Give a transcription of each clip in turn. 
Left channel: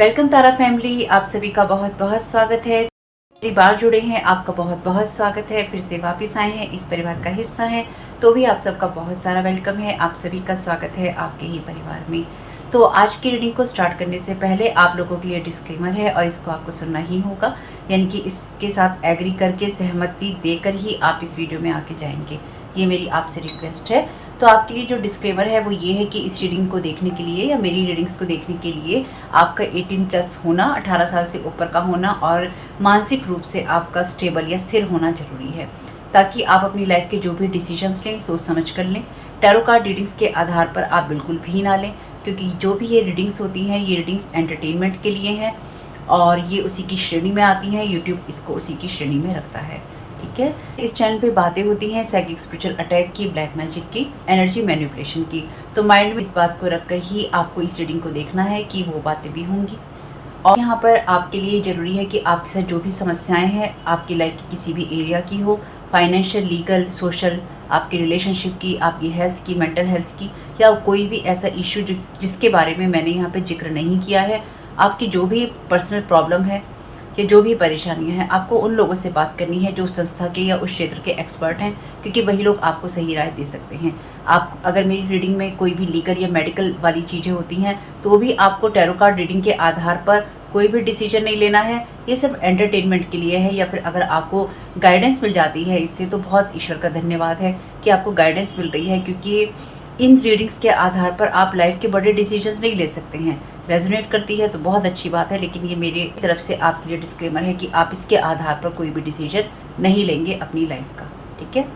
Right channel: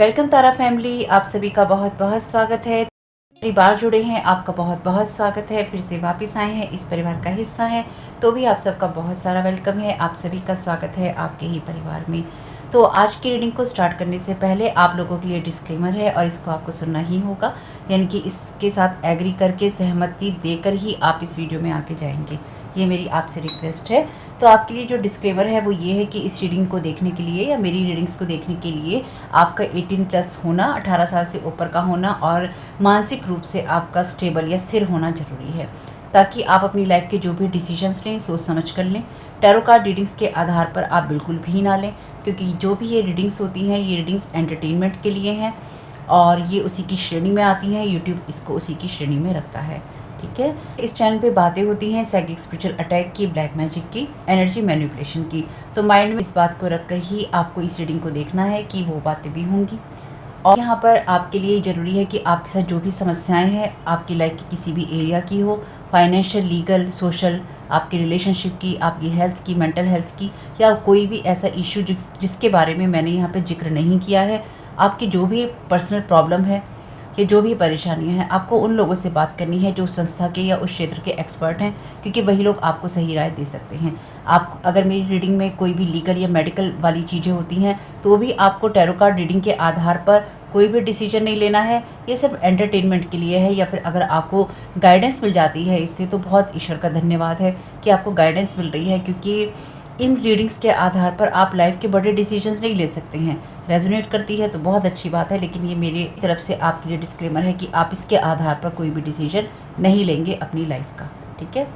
Welcome तारा family, आप सभी का बहुत बहुत स्वागत है। पहली बार जुड़े हैं, आपका बहुत बहुत स्वागत है। फिर से वापस आए हैं, इस परिवार का हिस्सा हैं, तो भी आप सबका बहुत सारा वेलकम है। आप सभी का स्वागत है आपके ही परिवार में। तो आज की रीडिंग को स्टार्ट करने से पहले आप लोगों के लिए डिस्क्लेमर है और इसको आपको सुनना ही होगा, यानी कि इसके साथ एग्री करके सहमति देकर ही आप इस वीडियो में आके जाएंगे। ये मेरी आपसे रिक्वेस्ट है। तो आपके लिए जो डिस्क्लेमर है वो ये है कि इस रीडिंग को देखने के लिए या मेरी रीडिंग्स को देखने के लिए आपका 18+ होना, 18 साल से ऊपर का होना और मानसिक रूप से आपका स्टेबल या स्थिर होना जरूरी है, ताकि आप अपनी लाइफ के जो भी डिसीजंस लें सोच समझ कर लें। टैरो कार्ड रीडिंग्स के आधार पर आप बिल्कुल भी ना लें, क्योंकि जो भी ये रीडिंग्स होती हैं ये रीडिंग्स एंटरटेनमेंट के लिए हैं और ये उसी की श्रेणी में आती हैं। यूट्यूब इसको उसी की श्रेणी में रखता है, ठीक है। इस चैनल पे बातें होती हैं साइकिक स्पिरिचुअल अटैक की, ब्लैक मैजिक की, एनर्जी मैनिपुलेशन की। तो माइंड में इस बात को रखकर ही आपको इस रीडिंग को देखना है कि वो बातें भी होंगी। और यहाँ पर आपके लिए ज़रूरी है कि आपके साथ जो भी समस्याएं हैं आपकी लाइफ की किसी भी एरिया की हो, फाइनेंशियल, लीगल, सोशल, आपकी रिलेशनशिप की, आपकी हेल्थ की, मेंटल हेल्थ की, या कोई भी ऐसा इश्यू जिसके बारे में मैंने यहाँ पे जिक्र नहीं किया है, आपकी जो भी पर्सनल प्रॉब्लम है कि जो भी परेशानियां हैं, आपको उन लोगों से बात करनी है जो संस्था के या उस क्षेत्र के एक्सपर्ट हैं, क्योंकि वही लोग आपको सही राय दे सकते हैं। आप अगर मेरी रीडिंग में कोई भी लीगल या मेडिकल वाली चीज़ें होती हैं तो भी आपको टैरो कार्ड रीडिंग के आधार पर कोई भी डिसीजन नहीं लेना है। ये सिर्फ एंटरटेनमेंट के लिए है, या फिर अगर आपको गाइडेंस मिल जाती है इससे तो बहुत ईश्वर का धन्यवाद है कि आपको गाइडेंस मिल रही है, क्योंकि इन रीडिंग्स के आधार पर आप लाइफ के बड़े डिसीजंस नहीं ले सकते हैं। रेजोनेट करती है तो बहुत अच्छी बात है, लेकिन ये मेरी तरफ से आपके लिए डिस्क्लेमर है कि आप इसके आधार पर कोई भी डिसीजन नहीं लेंगे अपनी लाइफ का, ठीक है।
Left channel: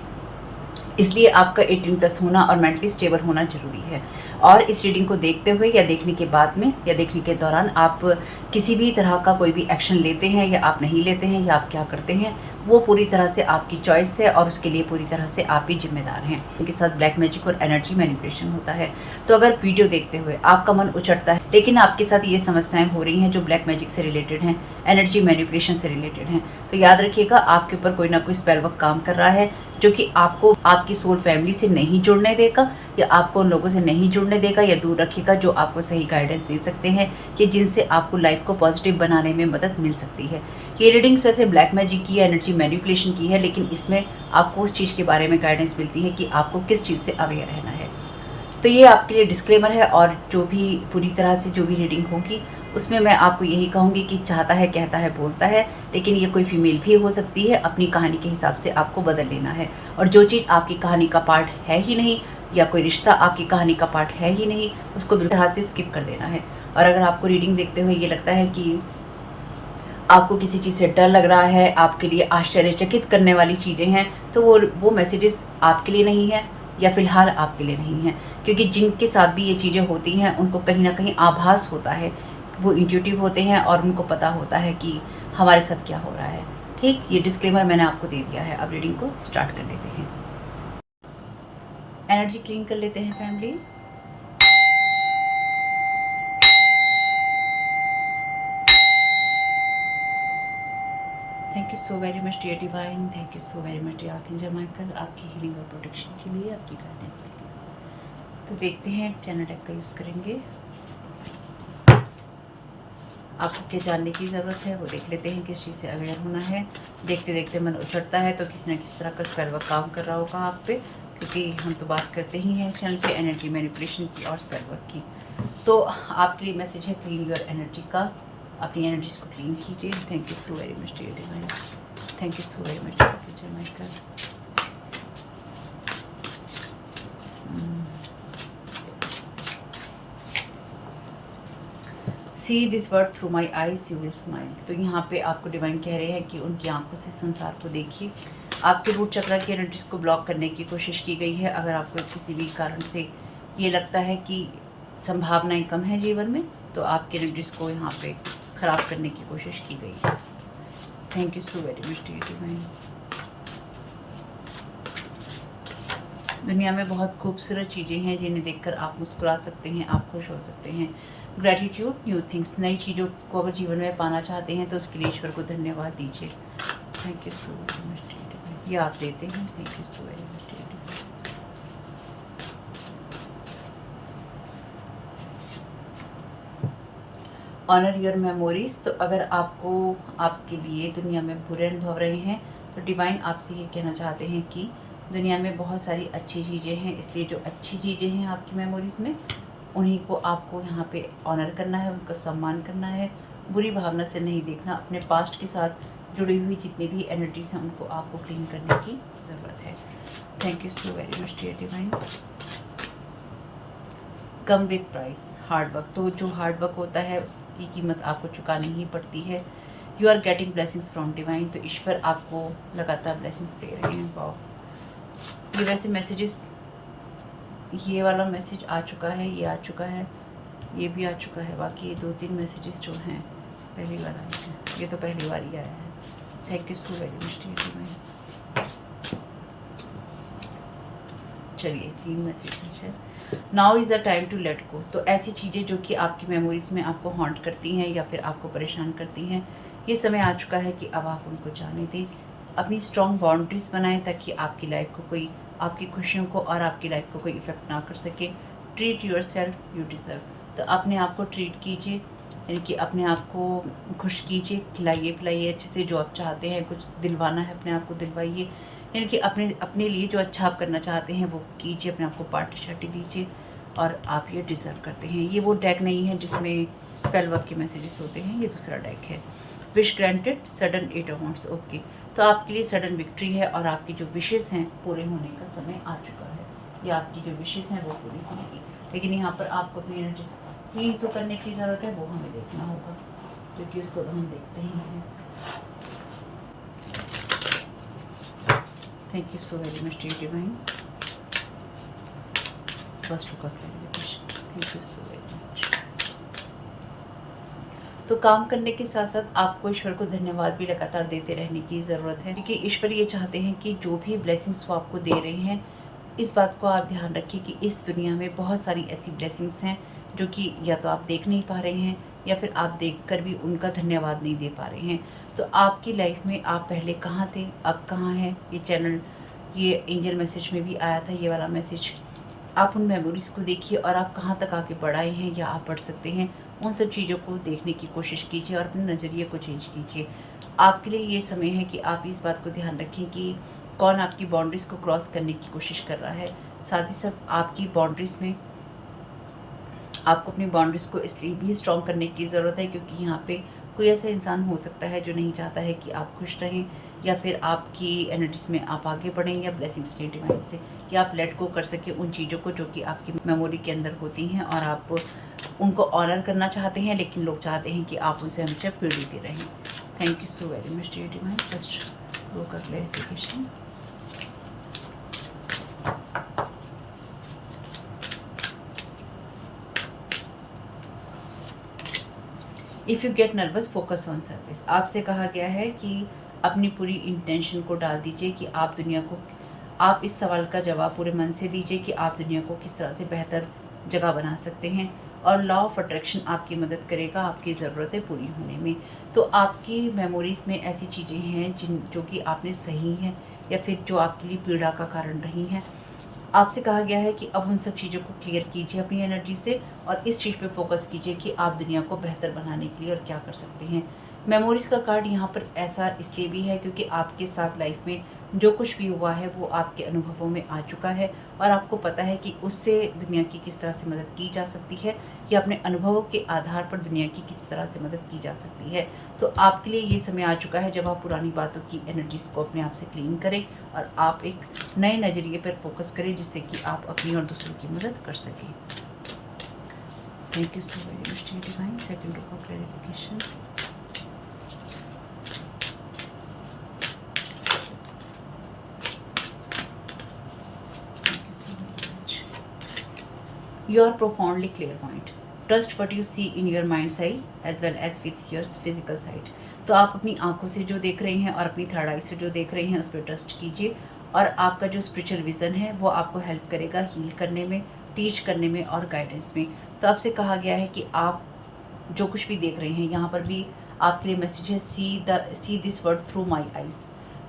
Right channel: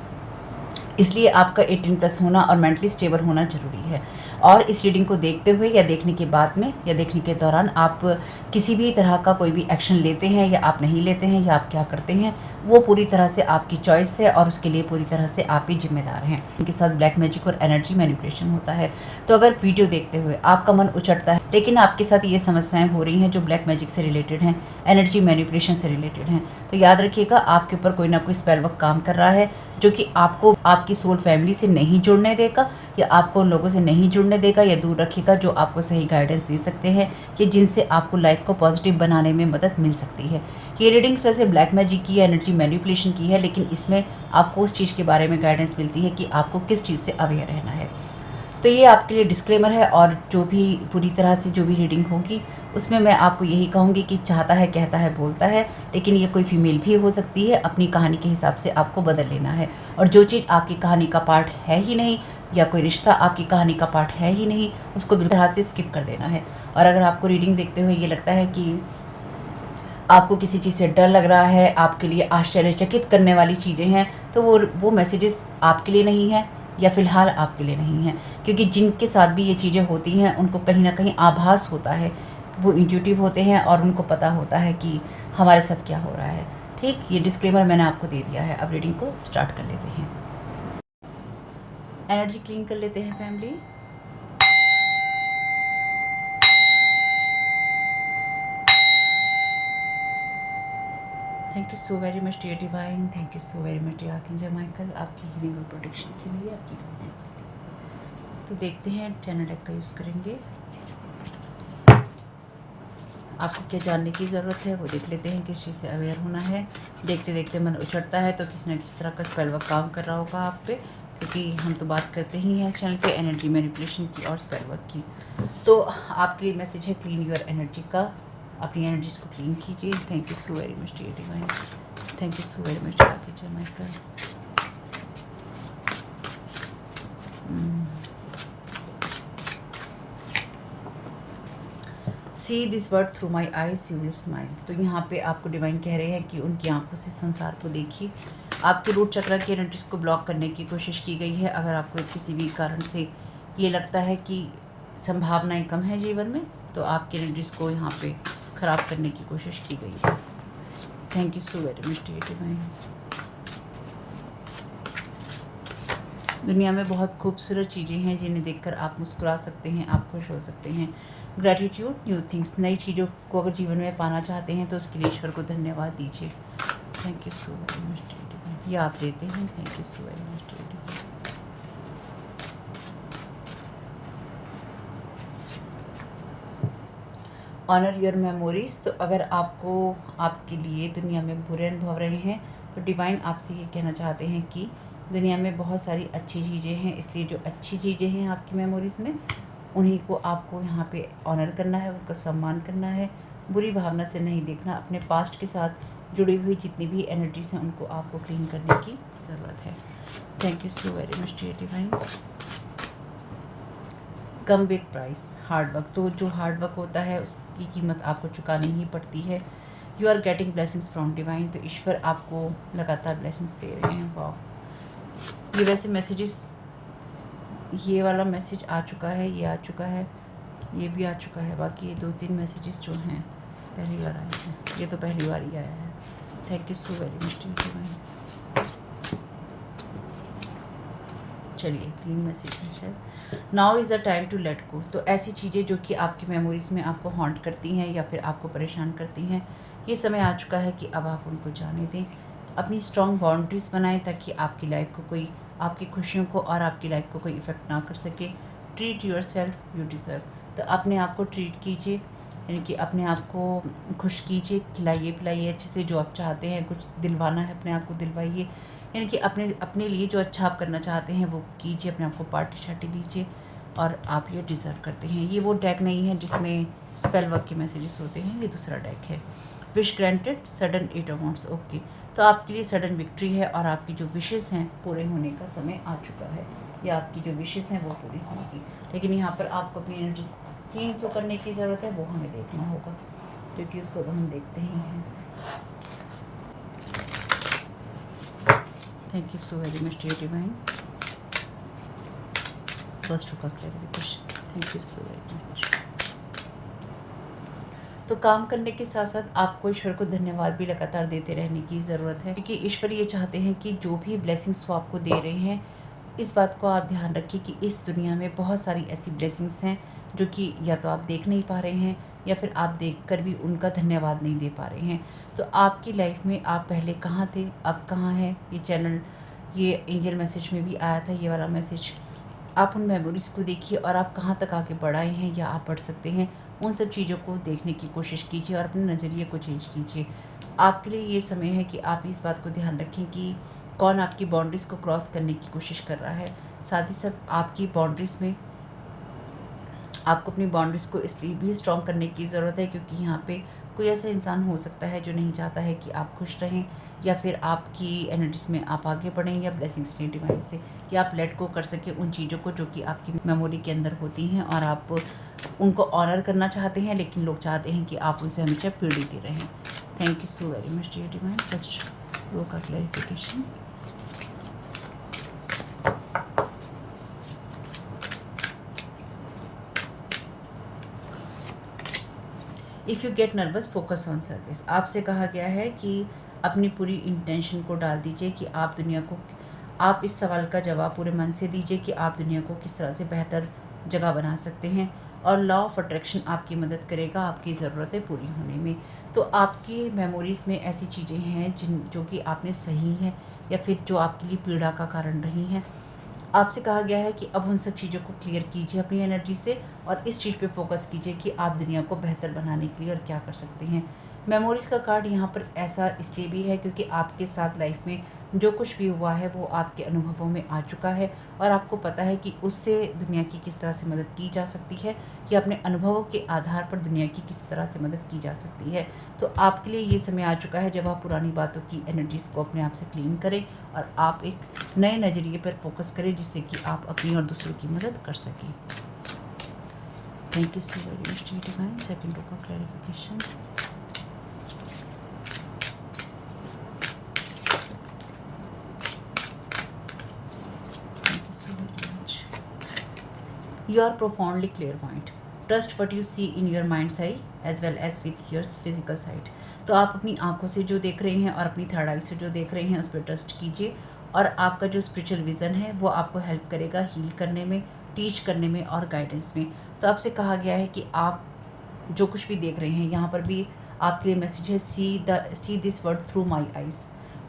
इसलिए आपका 18+ होना और मेंटली स्टेबल होना जरूरी है। और इस रीडिंग को देखते हुए या देखने के बाद में या देखने के दौरान आप किसी भी तरह का कोई भी एक्शन लेते हैं या आप नहीं लेते हैं या आप क्या करते हैं, वो पूरी तरह से आपकी चॉइस है और उसके लिए पूरी तरह से आप ही जिम्मेदार हैं। उनके साथ ब्लैक मैजिक और एनर्जी मैनिपुलेशन होता है। तो अगर वीडियो देखते हुए आपका मन उचटता है लेकिन आपके साथ ये समस्याएं हो रही हैं जो ब्लैक मैजिक से रिलेटेड हैं, एनर्जी मैनिपुलेशन से रिलेटेड हैं, तो याद रखिएगा आपके ऊपर कोई ना कोई स्पेल वर्क काम कर रहा है, जो कि आपको आपकी सोल फैमिली से नहीं जुड़ने देगा या आपको उन लोगों से नहीं जुड़ने देगा या दूर रखेगा जो आपको सही गाइडेंस दे सकते हैं कि जिनसे आपको लाइफ को पॉजिटिव बनाने में मदद मिल सकती है। ये रीडिंग्स वैसे ब्लैक मैजिक की, एनर्जी मैनिपुलेशन की है, लेकिन इसमें आपको उस चीज़ के बारे में गाइडेंस मिलती है कि आपको किस चीज़ से अवेयर रहना है। तो ये आपके लिए डिस्क्लेमर है। और जो भी पूरी तरह से जो भी रीडिंग होगी उसमें मैं आपको यही कहूँगी कि चाहता है, कहता है, बोलता है, लेकिन ये कोई फीमेल भी हो सकती है। अपनी कहानी के हिसाब से आपको बदल लेना है। और जो चीज़ आपकी कहानी का पार्ट है ही नहीं या कोई रिश्ता आपकी कहानी का पार्ट है ही नहीं, उसको बिल्कुल तरह से स्किप कर देना है। और अगर आपको रीडिंग देखते हुए ये लगता है कि आपको किसी चीज़ से डर लग रहा है, आपके लिए आश्चर्यचकित करने वाली चीज़ें हैं, तो वो मैसेजेस आपके लिए नहीं है या फिलहाल आपके लिए नहीं है, क्योंकि जिनके साथ भी ये चीज़ें होती हैं उनको कहीं ना कहीं आभास होता है, वो इंट्यूटिव होते हैं और उनको पता होता है कि हमारे साथ क्या हो रहा है। ठीक, ये डिस्क्लेमर मैंने आपको दे दिया है। अब रीडिंग को स्टार्ट कर लेते हैं। एनर्जी क्लीन कर लेते हैं family. Thank you so very much dear divine, thank you so very much dear archangel Michael, आपकी हीलिंग और प्रोटेक्शन के लिए, आपकी गाइडेंस के लिए। तो देखते हैं, चैनल डेक का यूज़ करेंगे। आपको क्या जानने की ज़रूरत है वो देख लेते हैं, किस चीज़ से अवेयर होना है। देखते देखते मन उछड़ता है तो किसी न किसी तरह का स्पेल वर्क काम कर रहा होगा आप पे, क्योंकि हम तो बात करते ही हैं चैनल पे एनर्जी मैनिपुलेशन की और स्पेल वर्क की। तो आपके लिए मैसेज है क्लीन योर एनर्जी का, अपनी एनर्जीज को क्लीन कीजिए। Thank you so very much dear divine, thank you so very much archangel Michael. See this word through my eyes you will smile. तो यहाँ पे आपको डिवाइन कह रहे हैं कि उनकी आंखों से संसार को देखिए। आपके रूट चक्र की एनर्जीज को ब्लॉक करने की कोशिश की गई है। अगर आपको किसी भी कारण से ये लगता है कि संभावनाएं कम है जीवन में, तो आपकी एनर्जीज को यहाँ पे ख़राब करने की कोशिश की गई है। Thank you so very much dear divine. दुनिया में बहुत खूबसूरत चीज़ें हैं जिन्हें देखकर आप मुस्कुरा सकते हैं, आप खुश हो सकते हैं। ग्रैटिट्यूड, न्यू थिंग्स, नई चीज़ों को अगर जीवन में पाना चाहते हैं तो उसके लिए ईश्वर को धन्यवाद दीजिए। Thank you so very much, ये आप देते हैं। Thank you so very much. Honour your memories. तो अगर आपको आपके लिए दुनिया में बुरे अनुभव रहे हैं तो डिवाइन आपसे ये कहना चाहते हैं कि दुनिया में बहुत सारी अच्छी चीज़ें हैं, इसलिए जो अच्छी चीज़ें हैं आपकी मेमोरीज़ में उन्हीं को आपको यहाँ पे ऑनर करना है, उनका सम्मान करना है, बुरी भावना से नहीं देखना। अपने पास्ट के साथ जुड़ी हुई जितनी भी एनर्जीज हैं उनको आपको क्लीन करने की ज़रूरत है। Thank you so very much dear divine. Come with price hard work. तो जो हार्ड वर्क होता है उसकी कीमत आपको चुकानी ही पड़ती है। You are getting blessings from divine. तो ईश्वर आपको लगातार ब्लेसिंग्स दे रहे हैं। वाह, ये वैसे मैसेजेस, ये वाला मैसेज आ चुका है, ये आ चुका है, ये भी आ चुका है। बाकी ये 2-3 मैसेजेस जो हैं पहली बार आए हैं, ये तो पहली बार ही आया है। Thank you so very much dear divine. चलिए 3 मैसेजेस है। Now is the time to let go. तो ऐसी चीज़ें जो कि आपकी मेमोरीज में आपको हॉन्ट करती हैं या फिर आपको परेशान करती हैं, ये समय आ चुका है कि अब आप उनको जाने दें। अपनी स्ट्रॉन्ग बाउंड्रीज बनाएं ताकि आपकी लाइफ को कोई, आपकी खुशियों को और आपकी लाइफ को कोई इफ़ेक्ट ना कर सके। Treat your self you deserve. तो अपने आप को ट्रीट कीजिए, यानी कि अपने आप को खुश कीजिए, खिलाइए पिलाइए अच्छे से। जो आप चाहते हैं कुछ दिलवाना है अपने आप को दिलवाइए, यानी कि अपने अपने लिए जो अच्छा आप करना चाहते हैं वो कीजिए। अपने आप को पार्टी शार्टी दीजिए और आप ये डिज़र्व करते हैं। ये वो डेक नहीं है जिसमें स्पेल वर्क के मैसेजेस होते हैं, ये दूसरा डेक है। Wish granted sudden 8 of wands. Okay, तो आपके लिए सडन विक्ट्री है और आपकी जो विशेज़ हैं पूरे होने का समय आ चुका है, या आपकी जो विशेज़ हैं वो पूरी होंगी। लेकिन यहाँ पर आपको अपनी एनर्जी क्लीन क्यों करने की ज़रूरत है वो हमें देखना होगा, क्योंकि उसको तो हम देखते ही हैं। Thank you so very much dear divine. First of clarification, thank you so very much. तो काम करने के साथ साथ आपको ईश्वर को धन्यवाद भी लगातार देते रहने की ज़रूरत है, क्योंकि ईश्वर ये चाहते हैं कि जो भी ब्लेसिंग्स वो आपको दे रहे हैं, इस बात को आप ध्यान रखिए कि इस दुनिया में बहुत सारी ऐसी ब्लेसिंग्स हैं जो कि या तो आप देख नहीं पा रहे हैं या फिर आप देखकर भी उनका धन्यवाद नहीं दे पा रहे हैं। तो आपकी लाइफ में आप पहले कहाँ थे, अब कहाँ हैं। ये चैनल, ये एंजल मैसेज में भी आया था ये वाला मैसेज। आप उन मेमोरीज़ को देखिए और आप कहाँ तक आगे बढ़ आए हैं या आप बढ़ सकते हैं, उन सब चीज़ों को देखने की कोशिश कीजिए और अपने नज़रिए को चेंज कीजिए। आपके लिए ये समय है कि आप इस बात को ध्यान रखें कि कौन आपकी बाउंड्रीज़ को क्रॉस करने की कोशिश कर रहा है। साथ ही साथ आपकी बाउंड्रीज़ में आपको अपनी बाउंड्रीज़ को इसलिए भी स्ट्रॉन्ग करने की ज़रूरत है क्योंकि यहाँ पे कोई ऐसा इंसान हो सकता है जो नहीं चाहता है कि आप खुश रहें या फिर आपकी एनर्जीज में आप आगे बढ़ें या ब्लेसिंग्स लें डिवाइन से, या आप लेट गो कर सकें उन चीज़ों को जो कि आपकी मेमोरी के अंदर होती हैं और आप उनको ऑनर करना चाहते हैं, लेकिन लोग चाहते हैं कि आप उनसे हमेशा पीड़ित रहें। Thank you so very much dear divine. Just वो का clarification. If you get nervous focus on service. आपसे कहा गया है कि अपनी पूरी इंटेंशन को डाल दीजिए कि आप दुनिया को, आप इस सवाल का जवाब पूरे मन से दीजिए कि आप दुनिया को किस तरह से बेहतर जगह बना सकते हैं, और लॉ ऑफ अट्रैक्शन आपकी मदद करेगा आपकी ज़रूरतें पूरी होने में। तो आपकी मेमोरीज़ में ऐसी चीज़ें हैं जो कि आपने सही हैं या फिर जो आपके लिए पीड़ा का कारण रही हैं। आपसे कहा गया है कि अब उन सब चीज़ों को क्लियर कीजिए अपनी एनर्जी से और इस चीज़ पे फोकस कीजिए कि आप दुनिया को बेहतर बनाने के लिए और क्या कर सकते हैं। मेमोरीज़ का कार्ड यहाँ पर ऐसा इसलिए भी है क्योंकि आपके साथ लाइफ में जो कुछ भी हुआ है वो आपके अनुभवों में आ चुका है और आपको पता है कि उससे दुनिया की किस तरह से मदद की जा सकती है या अपने अनुभवों के आधार पर दुनिया की किस तरह से मदद की जा सकती है। तो आपके लिए ये समय आ चुका है जब आप पुरानी बातों की एनर्जीज़ को अपने आप से क्लीन करें और आप एक नए नज़रिए पर फोकस करें जिससे कि आप अपनी और दूसरों की मदद कर सकें। Thank you so very much dear divine. Second row का clarification. You are profoundly clairvoyant. Trust what you see in your mind's eye as well as with your physical sight. तो आप अपनी आंखों से जो देख रहे हैं और अपनी थर्ड आई से जो देख रहे हैं उस पर ट्रस्ट कीजिए और आपका जो स्पिरिचुअल विज़न है वो आपको हेल्प करेगा हील करने में, टीच करने में और गाइडेंस में। तो आपसे कहा गया है कि आप जो कुछ भी देख रहे हैं, यहाँ पर भी आपके लिए मैसेज है, see this word through my eyes.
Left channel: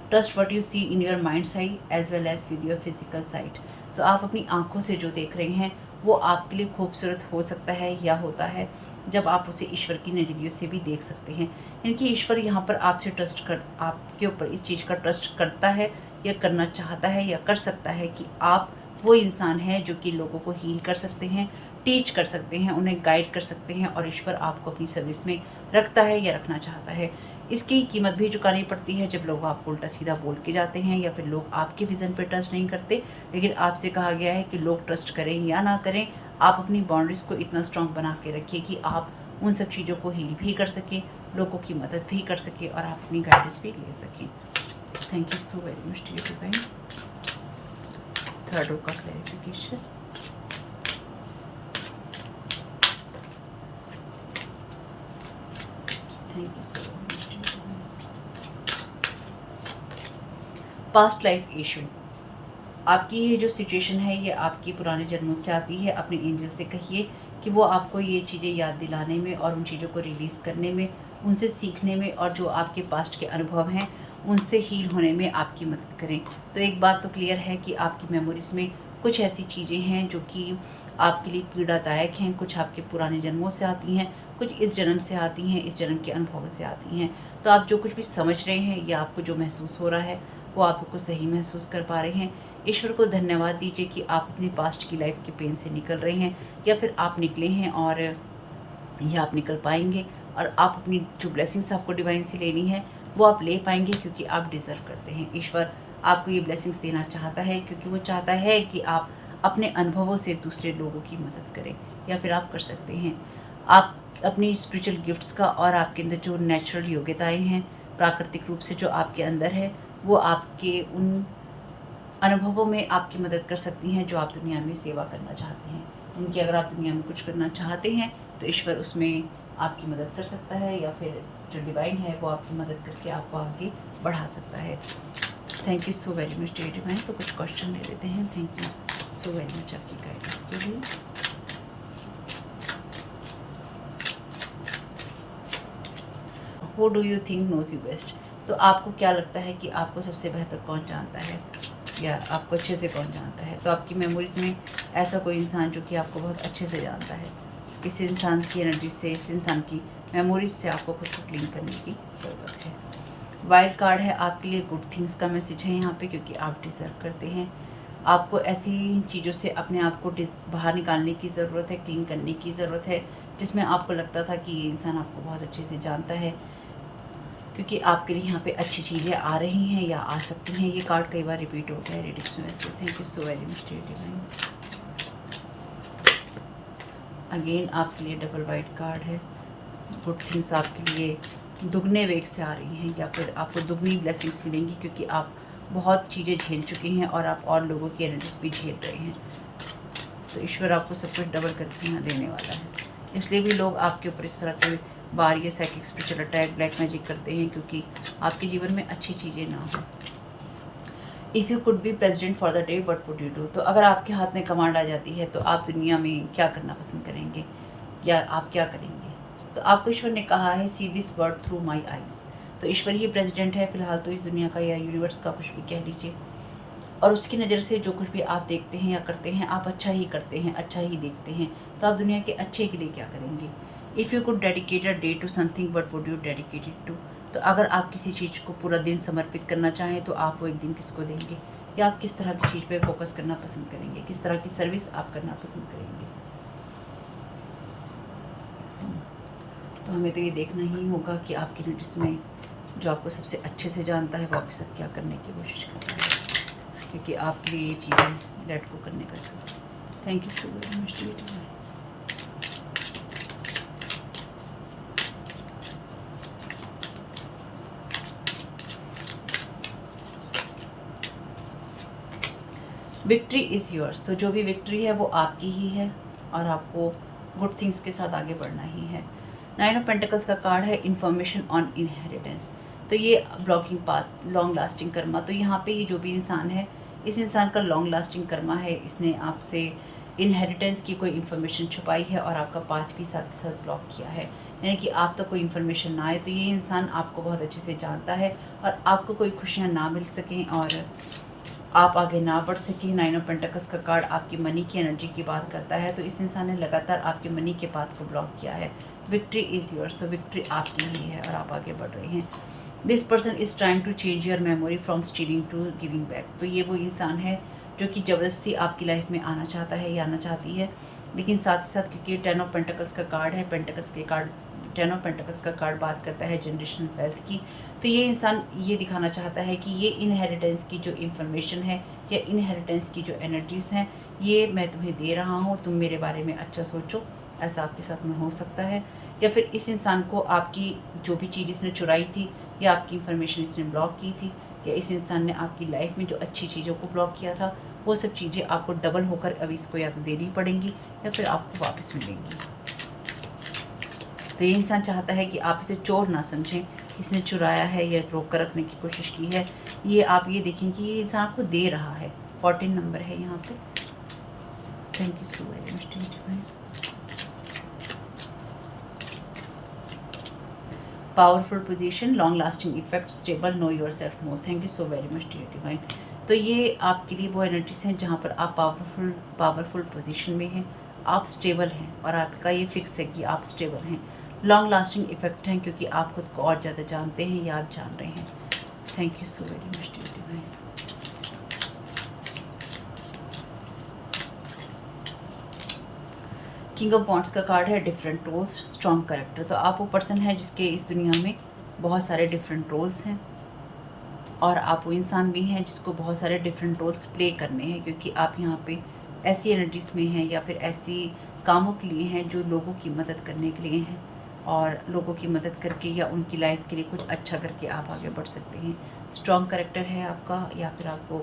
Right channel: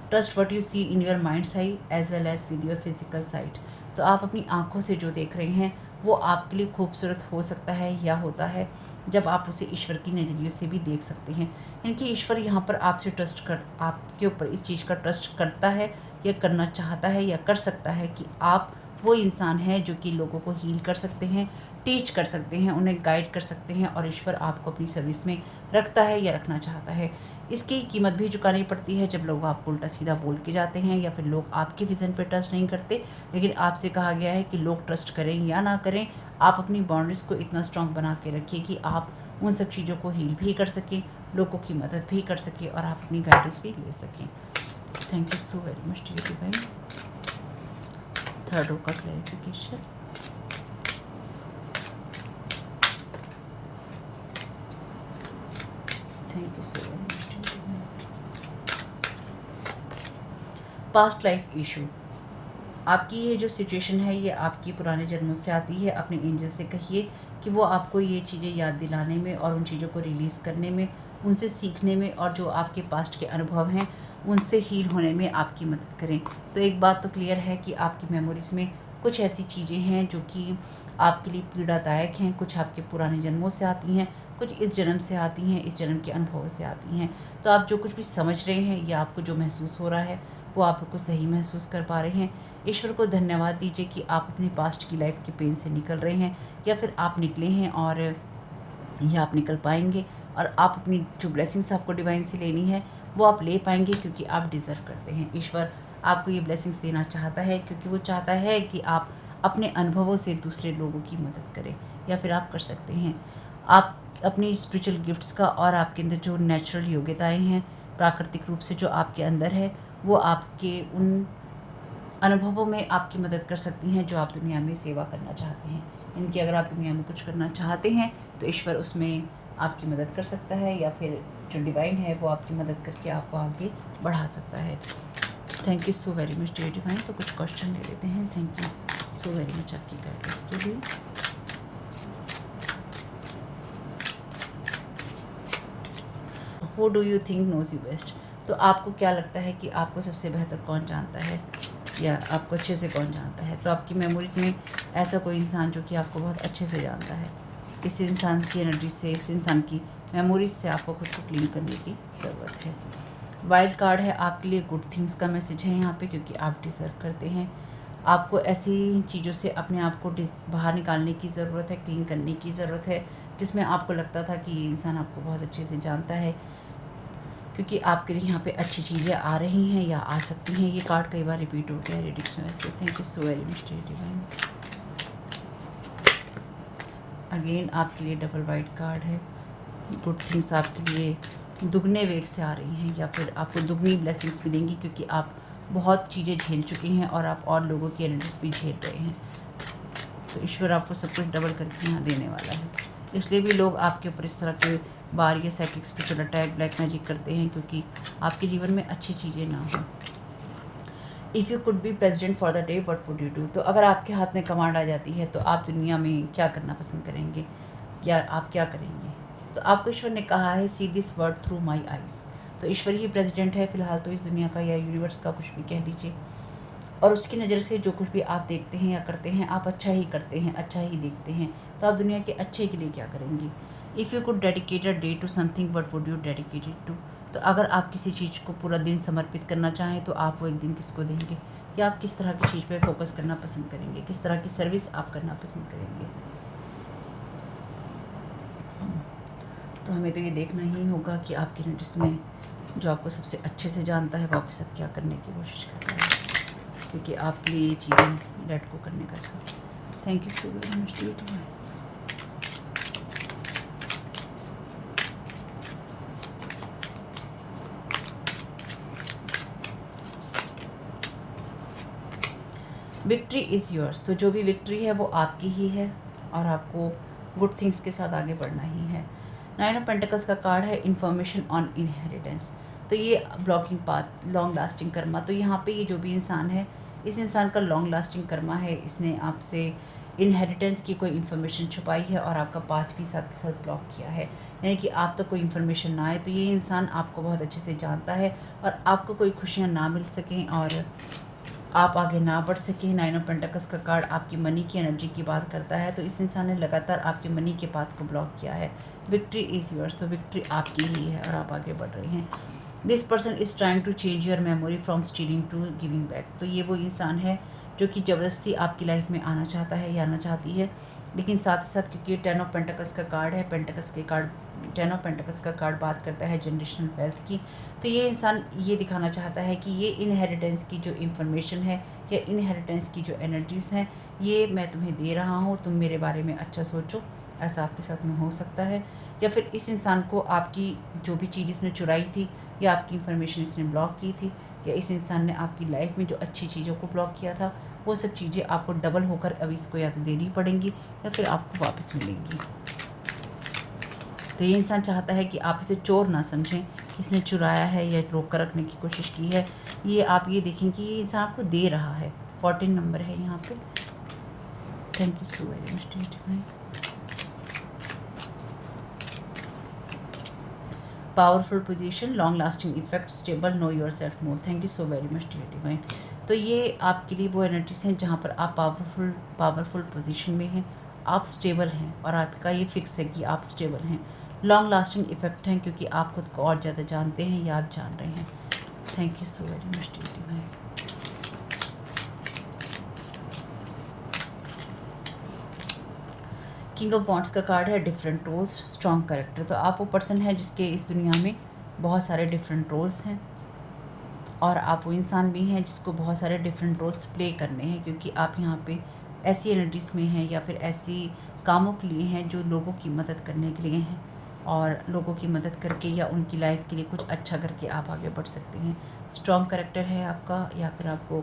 Trust what you see in your mind's eye as well as with your physical sight. तो आप अपनी आंखों से जो देख रहे हैं वो आपके लिए खूबसूरत हो सकता है या होता है, जब आप उसे ईश्वर की नज़रिए से भी देख सकते हैं। यानी कि ईश्वर यहाँ पर आपसे आपके ऊपर इस चीज़ का ट्रस्ट करता है या करना चाहता है या कर सकता है कि आप वो इंसान हैं जो कि लोगों को हील कर सकते हैं, टीच कर सकते हैं, उन्हें गाइड कर सकते हैं, और ईश्वर आपको अपनी सर्विस में रखता है या रखना चाहता है। इसकी कीमत भी चुकानी पड़ती है जब लोग आपको उल्टा सीधा बोल के जाते हैं या फिर लोग आपके विज़न पे ट्रस्ट नहीं करते। लेकिन आपसे कहा गया है कि लोग ट्रस्ट करें या ना करें, आप अपनी बाउंड्रीज़ को इतना स्ट्रॉन्ग बना के रखिए कि आप उन सब चीज़ों को हील भी कर सकें, लोगों की मदद भी कर सकें और आप अपनी गाइडेंस भी ले सकें। Thank you so very much dear divine. Third row का clarification. Thank you so very much. Past life issue, आपकी ये जो सिचुएशन है ये आपकी पुराने जन्मों से आती है। अपने एंजल से कहिए कि वो आपको ये चीज़ें याद दिलाने में और उन चीज़ों को रिलीज़ करने में, उनसे सीखने में, और जो आपके पास्ट के अनुभव हैं उनसे हील होने में आपकी मदद करें। तो एक बात तो क्लियर है कि आपकी मेमोरीज़ में कुछ ऐसी चीज़ें हैं जो कि आपके लिए पीड़ादायक हैं, कुछ आपके पुराने जन्मों से आती हैं, कुछ इस जन्म से आती हैं, इस जन्म के अनुभव से आती हैं। तो आप जो कुछ भी समझ रहे हैं या आपको जो महसूस हो रहा है वो आपको सही महसूस कर पा रहे हैं। ईश्वर को धन्यवाद दीजिए कि आप अपनी पास्ट की लाइफ के पेन से निकल रहे हैं या फिर आप निकले हैं, और ये आप निकल पाएंगे, और आप अपनी जो ब्लेसिंग्स आपको डिवाइन से लेनी है वो आप ले पाएंगे, क्योंकि आप डिज़र्व करते हैं। ईश्वर आपको ये ब्लेसिंग्स देना चाहता है क्योंकि वो चाहता है कि आप अपने अनुभवों से दूसरे लोगों की मदद करें, या फिर आप कर सकते हैं। आप अपनी स्पिरिचुअल गिफ्ट्स का और आपके अंदर जो नेचुरल योग्यताएं हैं प्राकृतिक रूप से जो आपके अंदर है, वो आपके उन अनुभवों में आपकी मदद कर सकती हैं जो आप दुनिया में सेवा करना चाहते हैं। जिनकी अगर आप दुनिया में कुछ करना चाहते हैं तो ईश्वर उसमें आपकी मदद कर सकता है, या फिर जो डिवाइन है वो आपकी मदद करके आपको आगे बढ़ा सकता है। Thank you so very much dear divine. तो कुछ क्वेश्चन ले लेते हैं। Thank you so very much आपकी गाइडेंस के लिए। Who do you think knows you best? तो आपको क्या लगता है कि आपको सबसे बेहतर कौन जानता है, या आपको अच्छे से कौन जानता है? तो आपकी मेमोरीज में ऐसा कोई इंसान जो कि आपको बहुत अच्छे से जानता है, इस इंसान की एनर्जी से, इस इंसान की मेमोरीज से आपको खुद को क्लीन करने की ज़रूरत है। वाइल्ड कार्ड है आपके लिए गुड थिंग्स का मैसेज है यहाँ पे, क्योंकि आप डिज़र्व करते हैं। आपको ऐसी चीज़ों से अपने आप को बाहर निकालने की ज़रूरत है, क्लीन करने की ज़रूरत है, जिसमें आपको लगता था कि ये इंसान आपको बहुत अच्छे से जानता है, क्योंकि आपके लिए यहाँ पे अच्छी चीज़ें आ रही हैं या आ सकती हैं। ये कार्ड कई बार रिपीट होता है रीडिंग्स में वैसे। Thank you so very much dear divine. Again आपके लिए डबल वाइट कार्ड है। गुड थिंग्स आपके लिए दुगने वेग से आ रही हैं, या फिर आपको दुगनी ब्लेसिंग्स मिलेंगी, क्योंकि आप बहुत चीज़ें झेल चुके हैं और आप और लोगों की एनर्जीज भी झेल रहे हैं। तो ईश्वर आपको सब कुछ डबल करके यहाँ देने वाला है। इसलिए भी लोग आपके ऊपर इस तरह के बार ये psychic spiritual attack, black magic करते हैं, क्योंकि आपके जीवन में अच्छी चीज़ें ना हो। If you could be president for the day what would you do? तो अगर आपके हाथ में कमांड आ जाती है तो आप दुनिया में क्या करना पसंद करेंगे, या आप क्या करेंगे? तो आपको ईश्वर ने कहा है see this world through my eyes. तो ईश्वर ही प्रेजिडेंट है फिलहाल तो इस दुनिया का, या यूनिवर्स का, कुछ भी कह लीजिए, और उसकी नज़र से जो कुछ भी आप देखते हैं या करते हैं, आप अच्छा ही करते हैं, अच्छा ही देखते हैं। तो आप दुनिया के अच्छे के लिए क्या करेंगे? If you could dedicate a day to something what would you dedicate it to? तो अगर आप किसी चीज़ को पूरा दिन समर्पित करना चाहें तो आप वो एक दिन किसको देंगे, या आप किस तरह की चीज़ पे फोकस करना पसंद करेंगे, किस तरह की सर्विस आप करना पसंद करेंगे? तो हमें तो ये देखना ही होगा कि आपकी नोटिस में जो आपको सबसे अच्छे से जानता है वो आपके साथ क्या करने की कोशिश कर रहा है, क्योंकि आपके लिए ये चीज़ें लेट गो करने का सब। Thank you so very much dear. Victory is yours. तो जो भी विक्ट्री है वो आपकी ही है, और आपको गुड थिंग्स के साथ आगे बढ़ना ही है। 9 ऑफ पेंटिकल्स का कार्ड है इन्फॉर्मेशन ऑन इनहेरिटेंस। तो ये blocking path, long lasting Karma. तो यहाँ पे ये जो भी इंसान है, इस इंसान का लॉन्ग लास्टिंग कर्मा है। इसने आपसे इनहेरिटेंस की कोई इन्फॉर्मेशन छुपाई है और आपका पाथ भी साथ के साथ ब्लॉक किया है, यानी कि आप तक कोई इन्फॉर्मेशन ना आए। तो ये इंसान आपको बहुत अच्छे से जानता है और आपको कोई खुशियाँ ना मिल सकें, और आप आगे ना बढ़ सके। 9 ऑफ पेंटिकल्स का कार्ड आपकी मनी की एनर्जी की बात करता है, तो इस इंसान ने लगातार आपके मनी के पाथ को ब्लॉक किया है। विक्ट्री इज़ योर्स, तो विक्ट्री आपकी ही है और आप आगे बढ़ रहे हैं। This person is trying to change your memory from stealing to giving back, तो ये वो इंसान है जो कि ज़बरदस्ती आपकी लाइफ में आना चाहता है या आना चाहती है, लेकिन साथ ही साथ क्योंकि 10 ऑफ पेंटिकल्स का कार्ड है, पेंटिकल्स के कार्ड 10 ऑफ पेंटिकल्स का कार्ड बात करता है जनरेशनल वेल्थ की, तो ये इंसान ये दिखाना चाहता है कि ये इनहेरिटेंस की जो इन्फॉर्मेशन है या इनहेरिटेंस की जो एनर्जीज़ हैं, ये मैं तुम्हें दे रहा हूँ, तुम मेरे बारे में अच्छा सोचो। ऐसा आपके साथ में हो सकता है, या फिर इस इंसान को आपकी जो भी चीज़ इसने चुराई थी या आपकी इन्फॉर्मेशन इसने ब्लॉक की थी, या इस इंसान ने आपकी लाइफ में जो अच्छी चीज़ों को ब्लॉक किया था, वो सब चीज़ें आपको डबल होकर अब इसको या तो देनी पड़ेंगी या फिर आपको वापस मिलेंगी। तो ये इंसान चाहता है कि आप इसे चोर ना समझें, किसने चुराया है या रोक कर रखने की कोशिश की है। ये आप ये देखें कि ये इंसान आपको दे रहा है। 14 नंबर है यहाँ पे। Thank you so very much. Powerful position, long lasting effect, stable, know yourself more. Thank you so very much dear divine. तो ये आपके लिए वो एनर्जीज हैं जहाँ पर आप पावरफुल पोजीशन में हैं, आप स्टेबल हैं और आपका ये फिक्स है कि आप स्टेबल हैं। लॉन्ग लास्टिंग इफेक्ट हैं क्योंकि आप खुद को और ज़्यादा जानते हैं या आप जान रहे हैं। Thank you so very much dear divine. King of wands का कार्ड है, डिफरेंट रोल्स, स्ट्रॉन्ग करेक्टर। तो आप वो पर्सन है जिसके इस दुनिया में बहुत सारे डिफरेंट रोल्स हैं और आप वो इंसान भी हैं जिसको बहुत सारे डिफरेंट रोल्स प्ले करने हैं, क्योंकि आप यहाँ पे ऐसी एनर्जीज में हैं या फिर ऐसी कामों के लिए हैं जो लोगों की मदद करने के लिए हैं, और लोगों की मदद करके या उनकी लाइफ के लिए कुछ अच्छा करके आप आगे बढ़ सकते हैं। स्ट्रॉन्ग करेक्टर है आपका, या फिर आपको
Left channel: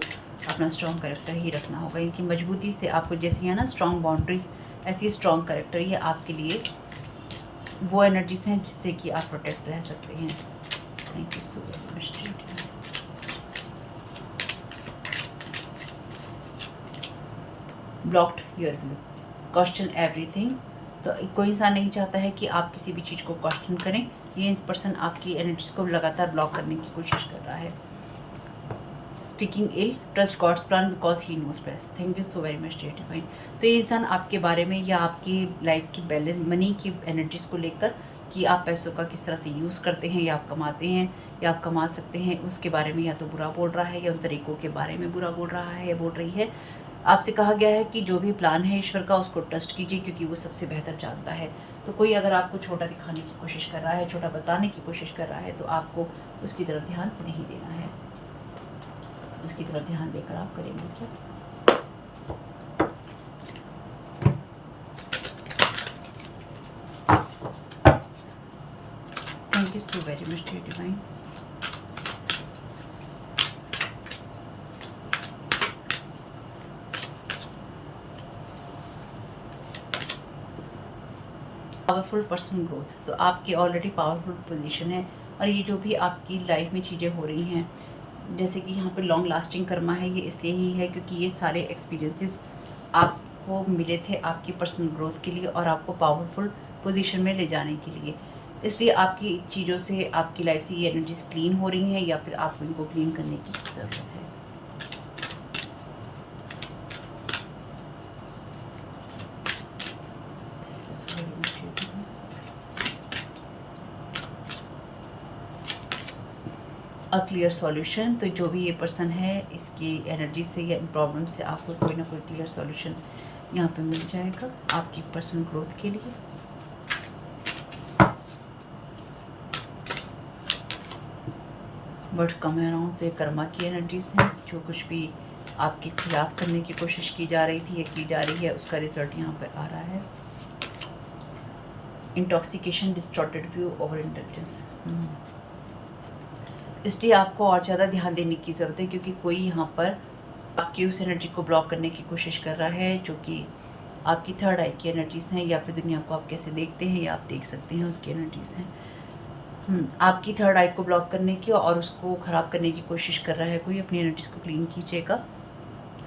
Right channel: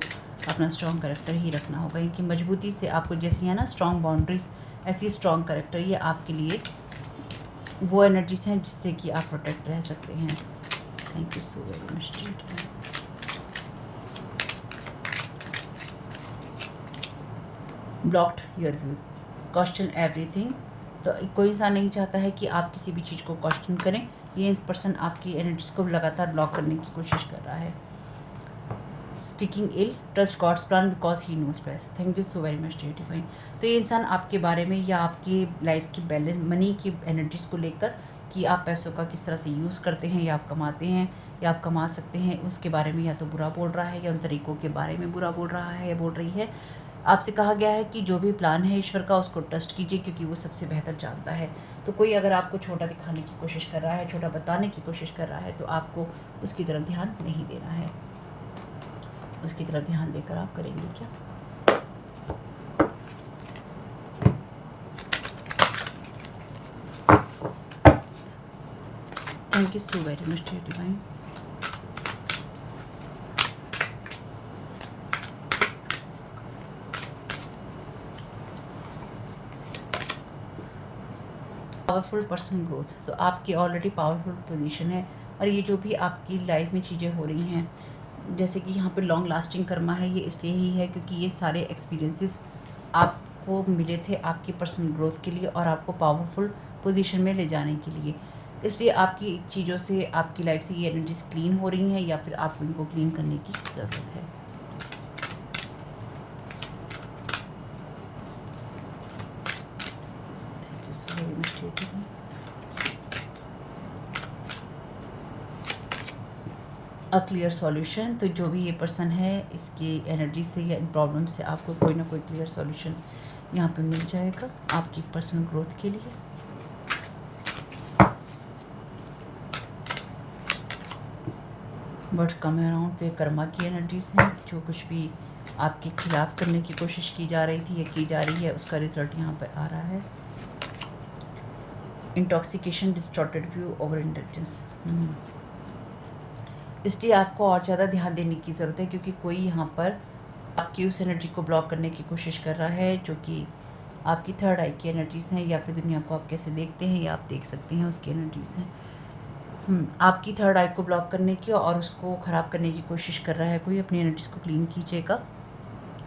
अपना स्ट्रॉन्ग करेक्टर ही रखना होगा। इनकी मजबूती से आपको जैसी है ना स्ट्रॉन्ग बाउंड्रीज, ऐसी स्ट्रॉन्ग करेक्टर ये आपके लिए वो एनर्जीज हैं जिससे कि आप प्रोटेक्ट रह सकते हैं। Thank you so very much. Blocked your view, question everything. तो कोई इंसान नहीं चाहता है कि आप किसी भी चीज़ को क्वेश्चन करें। ये इस पर्सन आपकी एनर्जीज को लगातार ब्लॉक करने की कोशिश कर रहा है। Speaking ill, trust God's plan because he knows best. Thank you so very much dear divine. तो ये इंसान आपके बारे में या आपकी लाइफ की बैलेंस मनी की एनर्जीज को लेकर कि आप पैसों का किस तरह से यूज़ करते हैं या आप कमाते हैं या आप कमा सकते हैं, उसके बारे में या तो बुरा बोल रहा है या उन तरीक़ों के बारे में बुरा बोल रहा है या बोल रही है। आपसे कहा गया है कि जो भी प्लान है ईश्वर का उसको ट्रस्ट कीजिए, क्योंकि वो सबसे बेहतर जानता है। तो कोई अगर आपको छोटा दिखाने की कोशिश कर रहा है, छोटा बताने की कोशिश कर रहा है, तो आपको उसकी तरफ ध्यान नहीं देना है। उसकी तरफ ध्यान देकर आप करेंगे क्या? Thank you so very much dear divine. Powerful person growth, तो आपकी ऑलरेडी पावरफुल पोजीशन है और ये जो भी आपकी लाइफ में चीज़ें हो रही हैं, जैसे कि यहाँ पे लॉन्ग लास्टिंग कर्मा है, ये इसलिए ही है क्योंकि ये सारे एक्सपीरियंसेस आपको मिले थे आपकी पर्सनल ग्रोथ के लिए और आपको पावरफुल पोजीशन में ले जाने के लिए। इसलिए आपकी चीज़ों से, आपकी लाइफ से ये एनर्जीज क्लीन हो रही हैं या फिर आपको इनको क्लीन करने की ज़रूरत है। अ क्लियर सॉल्यूशन, तो जो भी ये पर्सन है इसकी एनर्जी से या इन प्रॉब्लम से आपको कोई ना कोई क्लियर सॉल्यूशन यहाँ पे मिल जाएगा आपकी पर्सनल ग्रोथ के लिए। बट कम अराउंड तो ये कर्मा की एनर्जीज हैं, जो कुछ भी आपके खिलाफ करने की कोशिश की जा रही थी या की जा रही है उसका रिजल्ट यहाँ पे आ रहा है। Intoxication, distorted view, over intelligence. इसलिए आपको और ज़्यादा ध्यान देने की ज़रूरत है, क्योंकि कोई यहाँ पर आपकी उस एनर्जी को ब्लॉक करने की कोशिश कर रहा है जो कि आपकी थर्ड आई की एनर्जीज़ हैं, या फिर दुनिया को आप कैसे देखते हैं या आप देख सकते हैं उसकी एनर्जीज़ हैं। आपकी थर्ड आई को ब्लॉक करने की और उसको ख़राब करने की कोशिश कर रहा है कोई। अपनी एनर्जीज़ को क्लीन कीजिएगा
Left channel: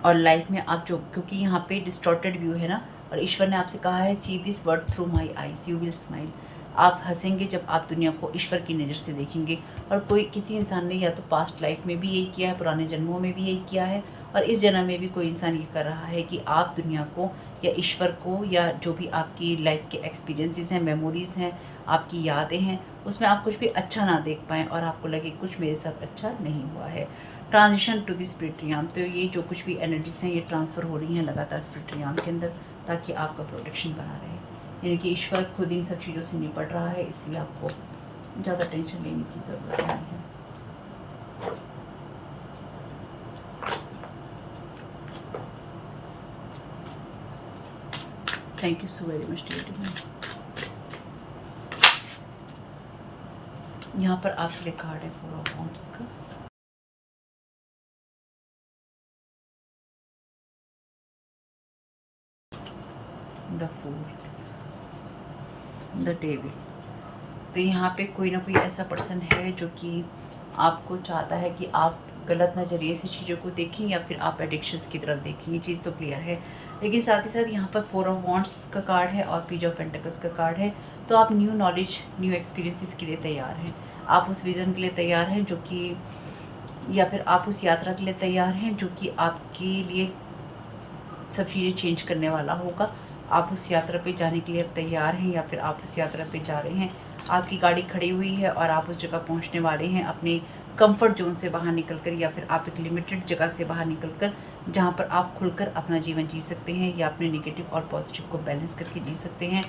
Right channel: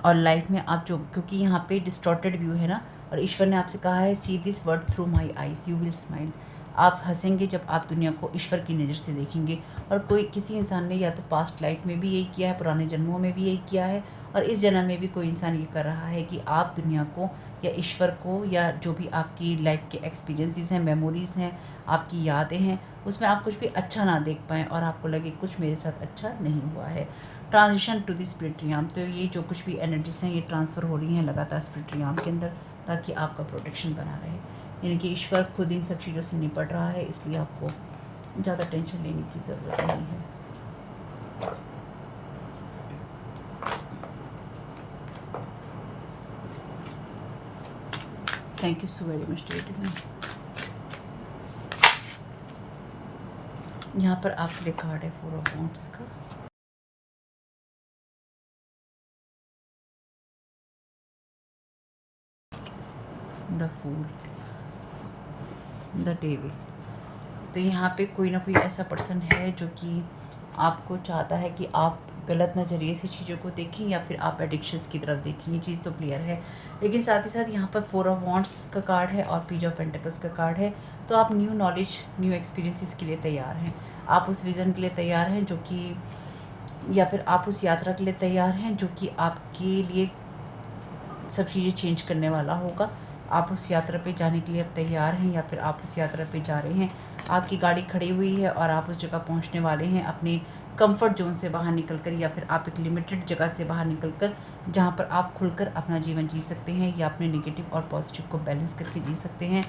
और लाइफ में आप जो, क्योंकि यहाँ पे डिस्टॉर्टेड व्यू है ना, और ईश्वर ने आपसे कहा है see this word through my eyes you will smile. आप हंसेंगे जब आप दुनिया को ईश्वर की नज़र से देखेंगे। और कोई किसी इंसान ने या तो पास्ट लाइफ में भी यही किया है, पुराने जन्मों में भी यही किया है, और इस जन्म में भी कोई इंसान ये कर रहा है कि आप दुनिया को या ईश्वर को या जो भी आपकी लाइफ के एक्सपीरियंसेस हैं, मेमोरीज़ हैं, आपकी यादें हैं, उसमें आप कुछ भी अच्छा ना देख पाएँ और आपको लगे कुछ मेरे साथ अच्छा नहीं हुआ है। Transition to the spirit realm, तो ये जो कुछ भी एनर्जीज हैं ये ट्रांसफ़र हो रही हैं लगातार स्पिरिट रियाम के अंदर, ताकि आपका प्रोटेक्शन बना रहे। यानी कि ईश्वर खुद इन सब चीज़ों से निपट रहा है, इसलिए आपको ज़्यादा टेंशन लेने की ज़रूरत नहीं है। Thank you so very much David. यहाँ पर आपके लिए कार्ड है 4 ऑफ वांड्स का। The fool, the devil. तो यहाँ पे कोई ना कोई ऐसा पर्सन है जो कि आपको चाहता है कि आप गलत नज़रिए से चीज़ों को देखें या फिर आप एडिक्शंस की तरफ देखें, ये चीज़ तो क्लियर है। लेकिन साथ ही साथ यहाँ पर 4 ऑफ वांड्स का कार्ड है और पेज ऑफ पेंटिकल्स का कार्ड है। तो आप न्यू नॉलेज, न्यू एक्सपीरियंसेस के लिए तैयार हैं, आप उस विज़न के लिए तैयार हैं जो कि, या फिर आप उस यात्रा के लिए तैयार हैं जो कि आपके लिए सब चीज़ें चेंज करने वाला होगा। आप उस यात्रा पे जाने के लिए अब तैयार हैं या फिर आप उस यात्रा पे जा रहे हैं। आपकी गाड़ी खड़ी हुई है और आप उस जगह पहुंचने वाले हैं अपने कंफर्ट जोन से बाहर निकलकर, या फिर आप एक लिमिटेड जगह से बाहर निकलकर जहां पर आप खुलकर अपना जीवन जी सकते हैं या अपने नेगेटिव और पॉजिटिव को बैलेंस करके जी सकते हैं।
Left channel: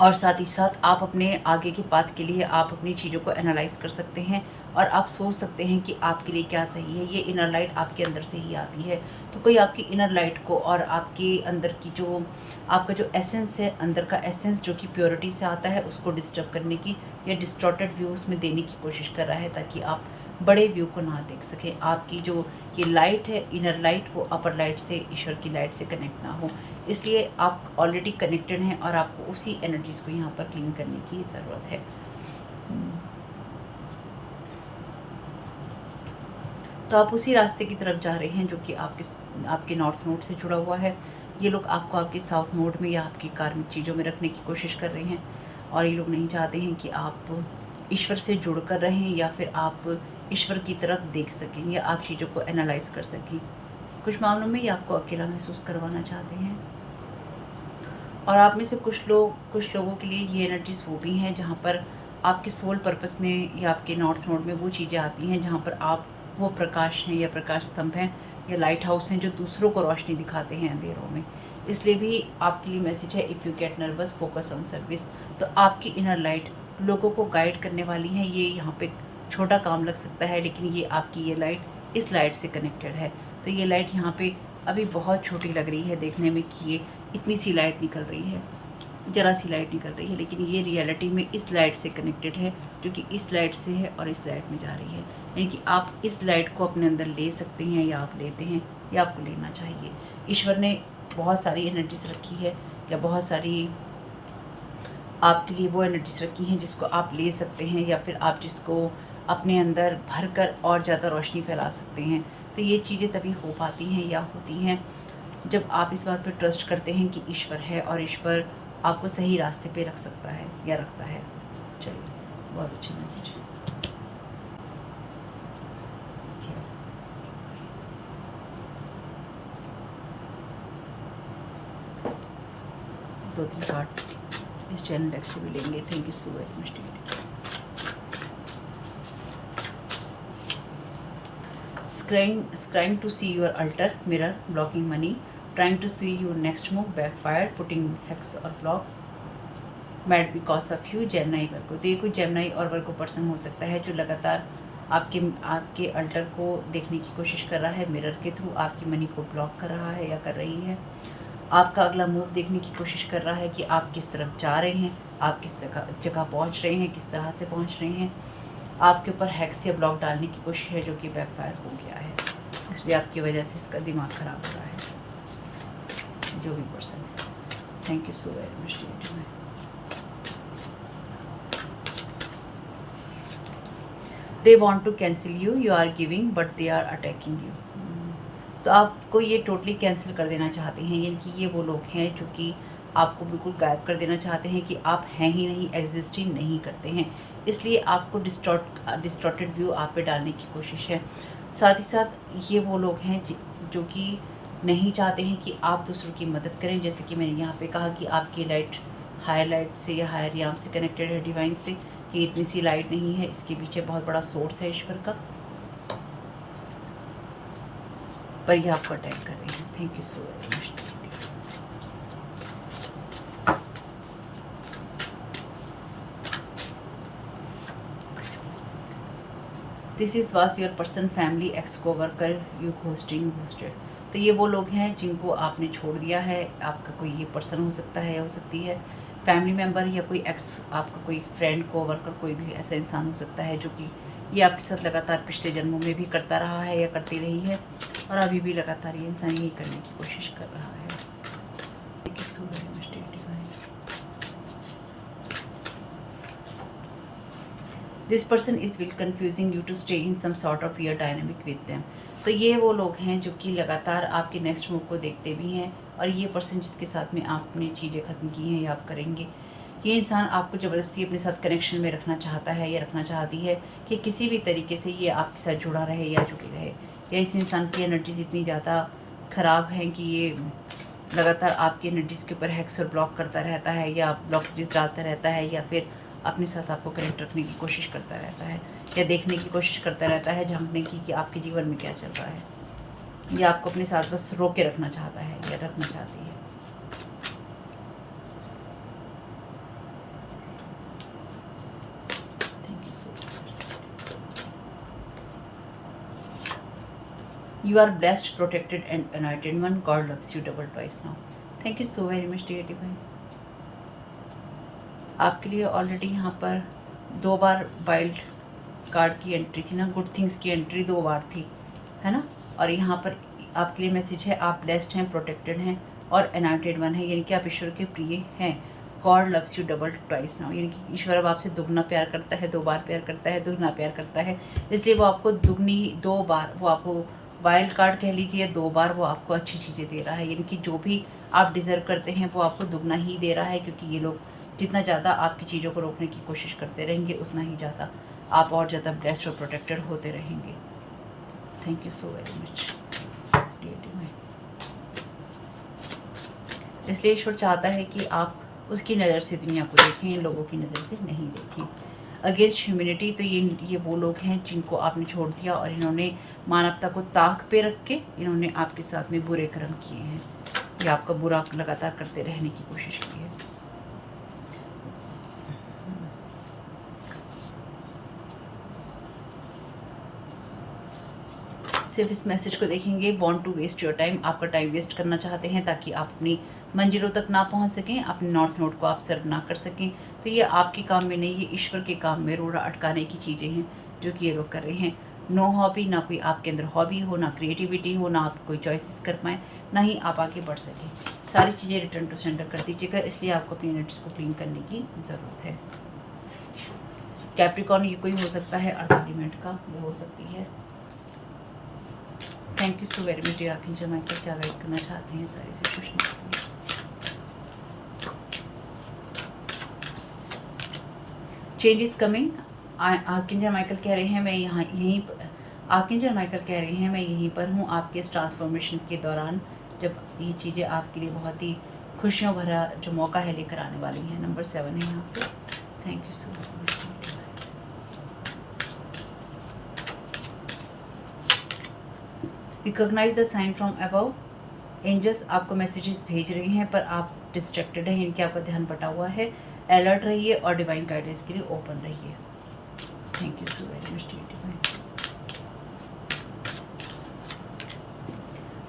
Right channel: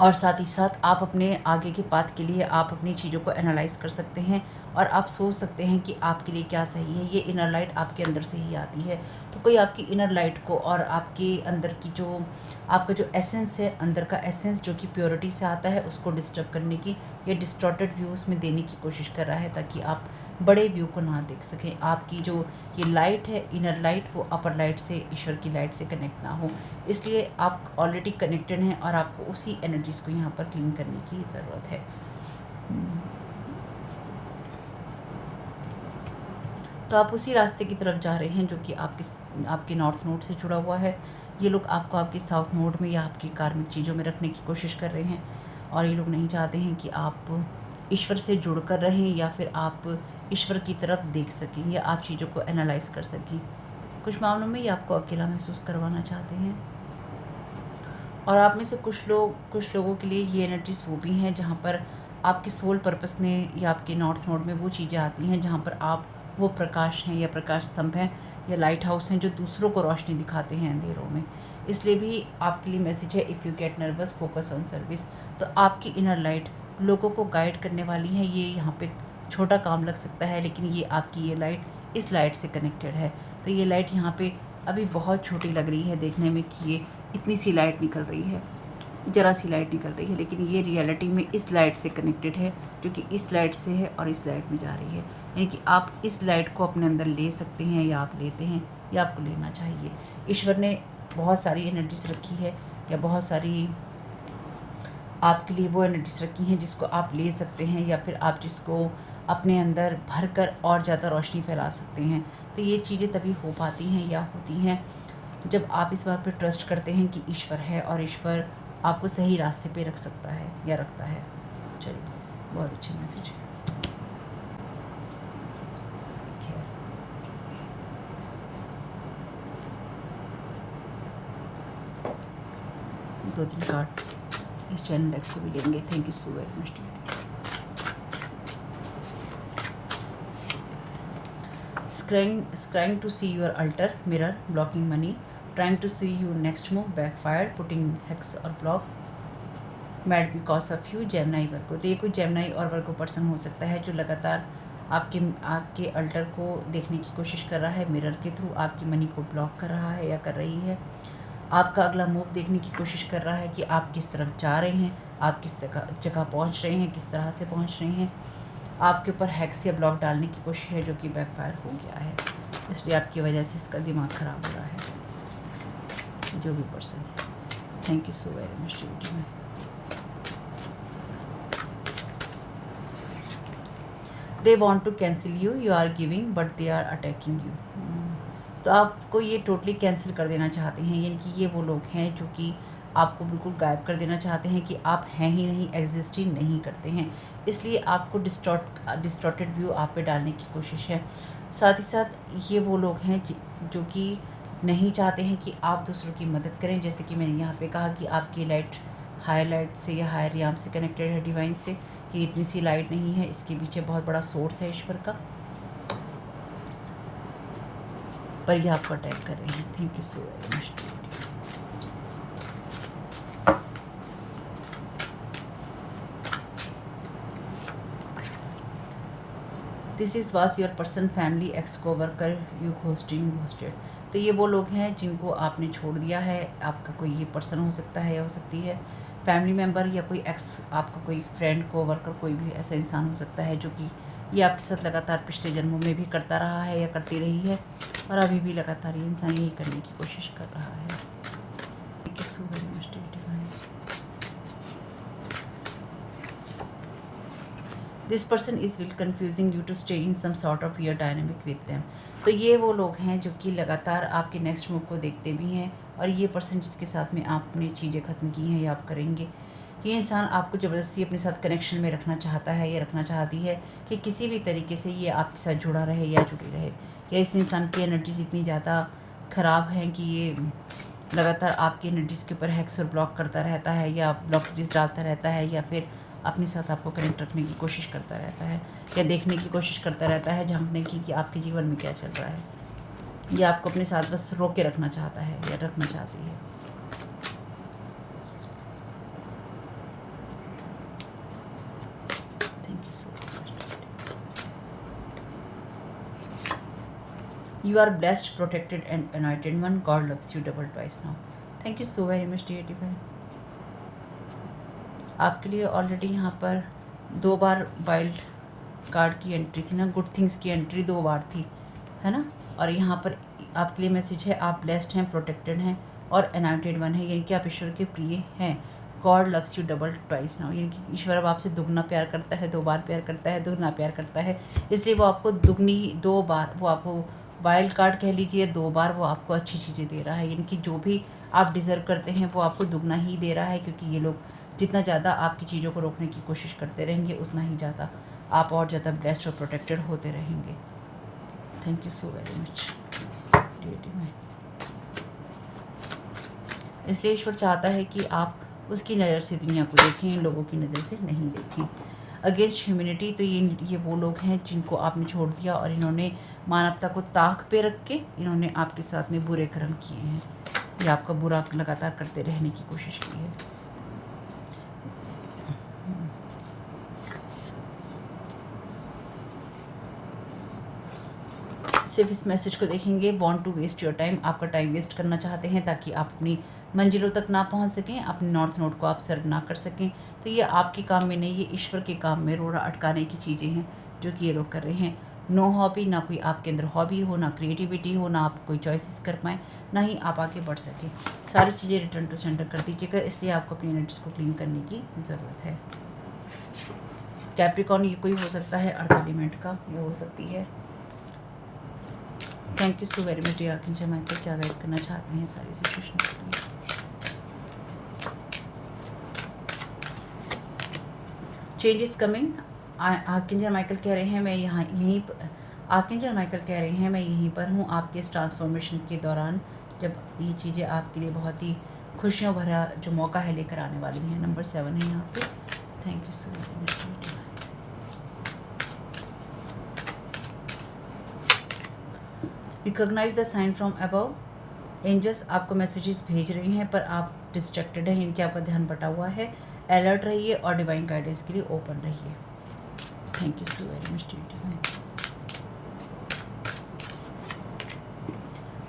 और साथ ही साथ आप अपने आगे के पाथ के लिए आप अपनी चीज़ों को एनालाइज कर सकते हैं और आप सोच सकते हैं कि आपके लिए क्या सही है। ये इनर लाइट आपके अंदर से ही आती है। तो कोई आपकी इनर लाइट को और आपके अंदर की जो आपका जो एसेंस है, अंदर का एसेंस जो कि प्योरिटी से आता है, उसको डिस्टर्ब करने की या डिस्टॉर्टेड व्यूज़ में देने की कोशिश कर रहा है, ताकि आप बड़े व्यू को ना देख सकें। आपकी जो ये लाइट है, इनर लाइट, वो अपर लाइट से, ईश्वर की लाइट से कनेक्ट ना हो। इसलिए आप ऑलरेडी कनेक्टेड हैं और आपको उसी एनर्जीज़ को यहाँ पर क्लीन करने की ज़रूरत है। तो आप उसी रास्ते की तरफ जा रहे हैं जो कि आपके नॉर्थ नोड से जुड़ा हुआ है। ये लोग आपको आपके साउथ नोड में या आपकी कार्मिक चीज़ों में रखने की कोशिश कर रहे हैं और ये लोग नहीं चाहते हैं कि आप ईश्वर से जुड़ कर रहें या फिर आप ईश्वर की तरफ देख सकें या आप चीज़ों को एनालाइज कर सकें। कुछ मामलों में ये आपको अकेला महसूस करवाना चाहते हैं। और आप में से कुछ लोगों के लिए ये एनर्जीज वो भी हैं जहाँ पर आपके सोल पर्पस में या आपके नॉर्थ नोड में वो चीज़ें आती हैं जहाँ पर आप वो प्रकाश हैं या प्रकाश स्तंभ हैं या लाइट हाउस हैं जो दूसरों को रोशनी दिखाते हैं अंधेरों में। इसलिए भी आपके लिए मैसेज है, if you get nervous focus on service. तो आपकी इनर लाइट लोगों को गाइड करने वाली है। ये यहाँ पे छोटा काम लग सकता है, लेकिन ये आपकी ये लाइट इस लाइट से कनेक्टेड है। तो ये लाइट यहाँ पे अभी बहुत छोटी लग रही है देखने में कि ये इतनी सी लाइट निकल रही है, ज़रा सी लाइट निकल रही है, लेकिन ये रियलिटी में इस लाइट से कनेक्टेड है जो कि इस लाइट से है और इस लाइट में जा रही है। यानी कि आप इस लाइट को अपने अंदर ले सकते हैं या आप लेते हैं या आपको लेना चाहिए। ईश्वर ने बहुत सारी एनर्जीज रखी है या बहुत सारी आपके लिए वो एनर्जीज रखी हैं जिसको आप ले सकते हैं या फिर आप जिसको अपने अंदर भर कर और ज़्यादा रोशनी फैला सकते हैं। तो ये चीज़ें तभी हो पाती हैं या होती हैं जब आप इस बात पर ट्रस्ट करते हैं कि ईश्वर है और ईश्वर आपको सही रास्ते पे रख सकता है या रखता है। चलिए, बहुत अच्छी मैसेज है। दो तीन कार्ड इस चैनल डेक से भी लेंगे। Thank you so very much. Scrying to see your altar, mirror, blocking money, trying to see your next move, backfired, putting hex or block, mad because of you, Gemini वर्गो। तो ये कोई Gemini और वर्गो person हो सकता है जो लगातार आपके अल्टर को देखने की कोशिश कर रहा है, मिरर के थ्रू आपकी मनी को ब्लॉक कर रहा है या कर रही है। आपका अगला मूव देखने की कोशिश कर रहा है कि आप किस तरफ जा रहे हैं, आप किस जगह पहुंच रहे हैं, किस तरह से पहुंच रहे हैं। आपके ऊपर हैक्स या ब्लॉक डालने की कोशिश है जो कि बैकफायर हो गया है, इसलिए आपकी वजह से इसका दिमाग ख़राब हो रहा है जो भी पर्सन है। Thank you so very much. They want to cancel you, you are giving but they are attacking you. तो आपको ये टोटली कैंसिल कर देना चाहते हैं, यानी कि ये वो लोग हैं जो कि आपको बिल्कुल गायब कर देना चाहते हैं कि आप हैं ही नहीं, एग्जिस्ट ही नहीं करते हैं। इसलिए आपको डिस्टॉर्टेड व्यू आप पे डालने की कोशिश है। साथ ही साथ ये वो लोग हैं जो कि नहीं चाहते हैं कि आप दूसरों की मदद करें। जैसे कि मैंने यहाँ पे कहा कि आपकी लाइट हायर लाइट से या हायर याम से कनेक्टेड है, डिवाइन से, कि इतनी सी लाइट नहीं है, इसके पीछे बहुत बड़ा सोर्स है ईश्वर का, पर ये आपको अटैक कर रहे हैं। Thank you so much. This is was your person, family, x को वर्कर, यू घोस्टेड। तो ये वो लोग हैं जिनको आपने छोड़ दिया है। आपका कोई ये पर्सन हो सकता है या हो सकती है फैमिली मेम्बर, या कोई एक्स, आपका कोई फ्रेंड, को वर्कर, कोई भी ऐसा इंसान हो सकता है जो कि ये आपके साथ लगातार पिछले जन्मों में भी करता रहा है या करती रही है, और अभी भी लगातार ये इंसान यही करने की कोशिश कर रहा है। Thank you so very much divine. This person is will confusing you to stay in some sort of weird dynamic with them. तो ये वो लोग हैं जो कि लगातार आपके नेक्स्ट मूव को देखते भी हैं, और ये पर्सन जिसके साथ में आपने चीज़ें ख़त्म की हैं या आप करेंगे, ये इंसान आपको ज़बरदस्ती अपने साथ कनेक्शन में रखना चाहता है या रखना चाहती है कि किसी भी तरीके से ये आपके साथ जुड़ा रहे या जुड़ी रहे, या इस इंसान की एनर्जीज इतनी ज़्यादा ख़राब हैं कि ये लगातार आपकी एनर्जीज़ के ऊपर हैक्स और ब्लॉक करता रहता है, या ब्लॉकेजेस डालता रहता है, या फिर अपने साथ आपको कनेक्ट रखने की कोशिश करता रहता है, या देखने की कोशिश करता रहता है, झांकने की कि आपके जीवन में क्या चल रहा है, या आपको अपने साथ बस रोक के रखना चाहता है या रखना चाहती है। Thank you so much. You are blessed, protected and anointed one, God loves you double twice now. Thank you so very much dear divine. आपके लिए ऑलरेडी यहाँ पर 2 बार वाइल्ड कार्ड की एंट्री थी ना, गुड थिंग्स की एंट्री 2 बार थी, है ना। और यहाँ पर आपके लिए मैसेज है, आप ब्लेस्ड हैं, प्रोटेक्टेड हैं और अनॉइंटेड वन है, यानी कि आप ईश्वर के प्रिय हैं। God loves you double twice now, यानी कि ईश्वर अब आपसे दुगना प्यार करता है, 2 बार प्यार करता है, दुगना प्यार करता है, इसलिए वो आपको दुगनी 2 बार, वो आपको वाइल्ड कार्ड कह लीजिए, 2 बार वो आपको अच्छी चीज़ें दे रहा है, यानी कि जो भी आप डिज़र्व करते हैं वो आपको दुगना ही दे रहा है, क्योंकि ये लोग जितना ज़्यादा आपकी चीज़ों को रोकने की कोशिश करते रहेंगे उतना ही ज़्यादा आप और ज़्यादा ब्लेस्ड और प्रोटेक्टेड होते रहेंगे। Thank you so very much. इसलिए ईश्वर चाहता है कि आप उसकी नज़र से दुनिया को देखें, इन लोगों की नज़र से नहीं देखें। अगेंस्ट ह्यूमैनिटी, तो ये वो लोग हैं जिनको आपने छोड़ दिया और इन्होंने मानवता को ताक पे रख के इन्होंने आपके साथ में बुरे कर्म किए हैं, या आपका बुरा लगातार करते रहने की कोशिश की है। सिर्फ इस मैसेज को देखेंगे, want to waste your time, आपका टाइम वेस्ट करना चाहते हैं ताकि आप अपनी मंजिलों तक ना पहुंच सकें, अपने नॉर्थ नोड को आप सर्व ना कर सकें। तो ये आपके काम में नहीं, ये ईश्वर के काम में रोड़ा अटकाने की चीज़ें हैं जो कि ये लोग कर रहे हैं। नो हॉबी, ना कोई आपके अंदर हॉबी हो, ना क्रिएटिविटी हो, ना आप कोई चॉइसेस कर पाएँ, ना ही आप आगे बढ़ सकें। सारी चीज़ें रिटर्न टू सेंटर कर दीजिएगा, इसलिए आपको अपनी एनर्जीज को क्लीन करने की ज़रूरत है। कैप्रिकॉर्न, ये कोई हो सकता है अर्थ एलिमेंट का, ये हो सकती है। Thank you so very much dear archangel Michael, क्या गाइड करना चाहते हैं सारी सिचुएशन के लिए। Change is coming, archangel Michael कह रहे हैं मैं आर्कएंजल माइकल कह रहे हैं मैं यहीं पर हूँ आपके इस ट्रांसफॉर्मेशन के दौरान, जब ये चीज़ें आपके लिए बहुत ही खुशियों भरा जो मौका है लेकर आने वाली हैं। नंबर 7 है यहाँ पे। Thank you so much. Recognise the sign from above, angels आपको मैसेजेस भेज रहे हैं पर आप डिस्ट्रैक्टेड हैं, यानी कि आपका ध्यान बटा हुआ है। अलर्ट रहिए और डिवाइन गाइडेंस के लिए ओपन रहिए। Thank you so very much dear.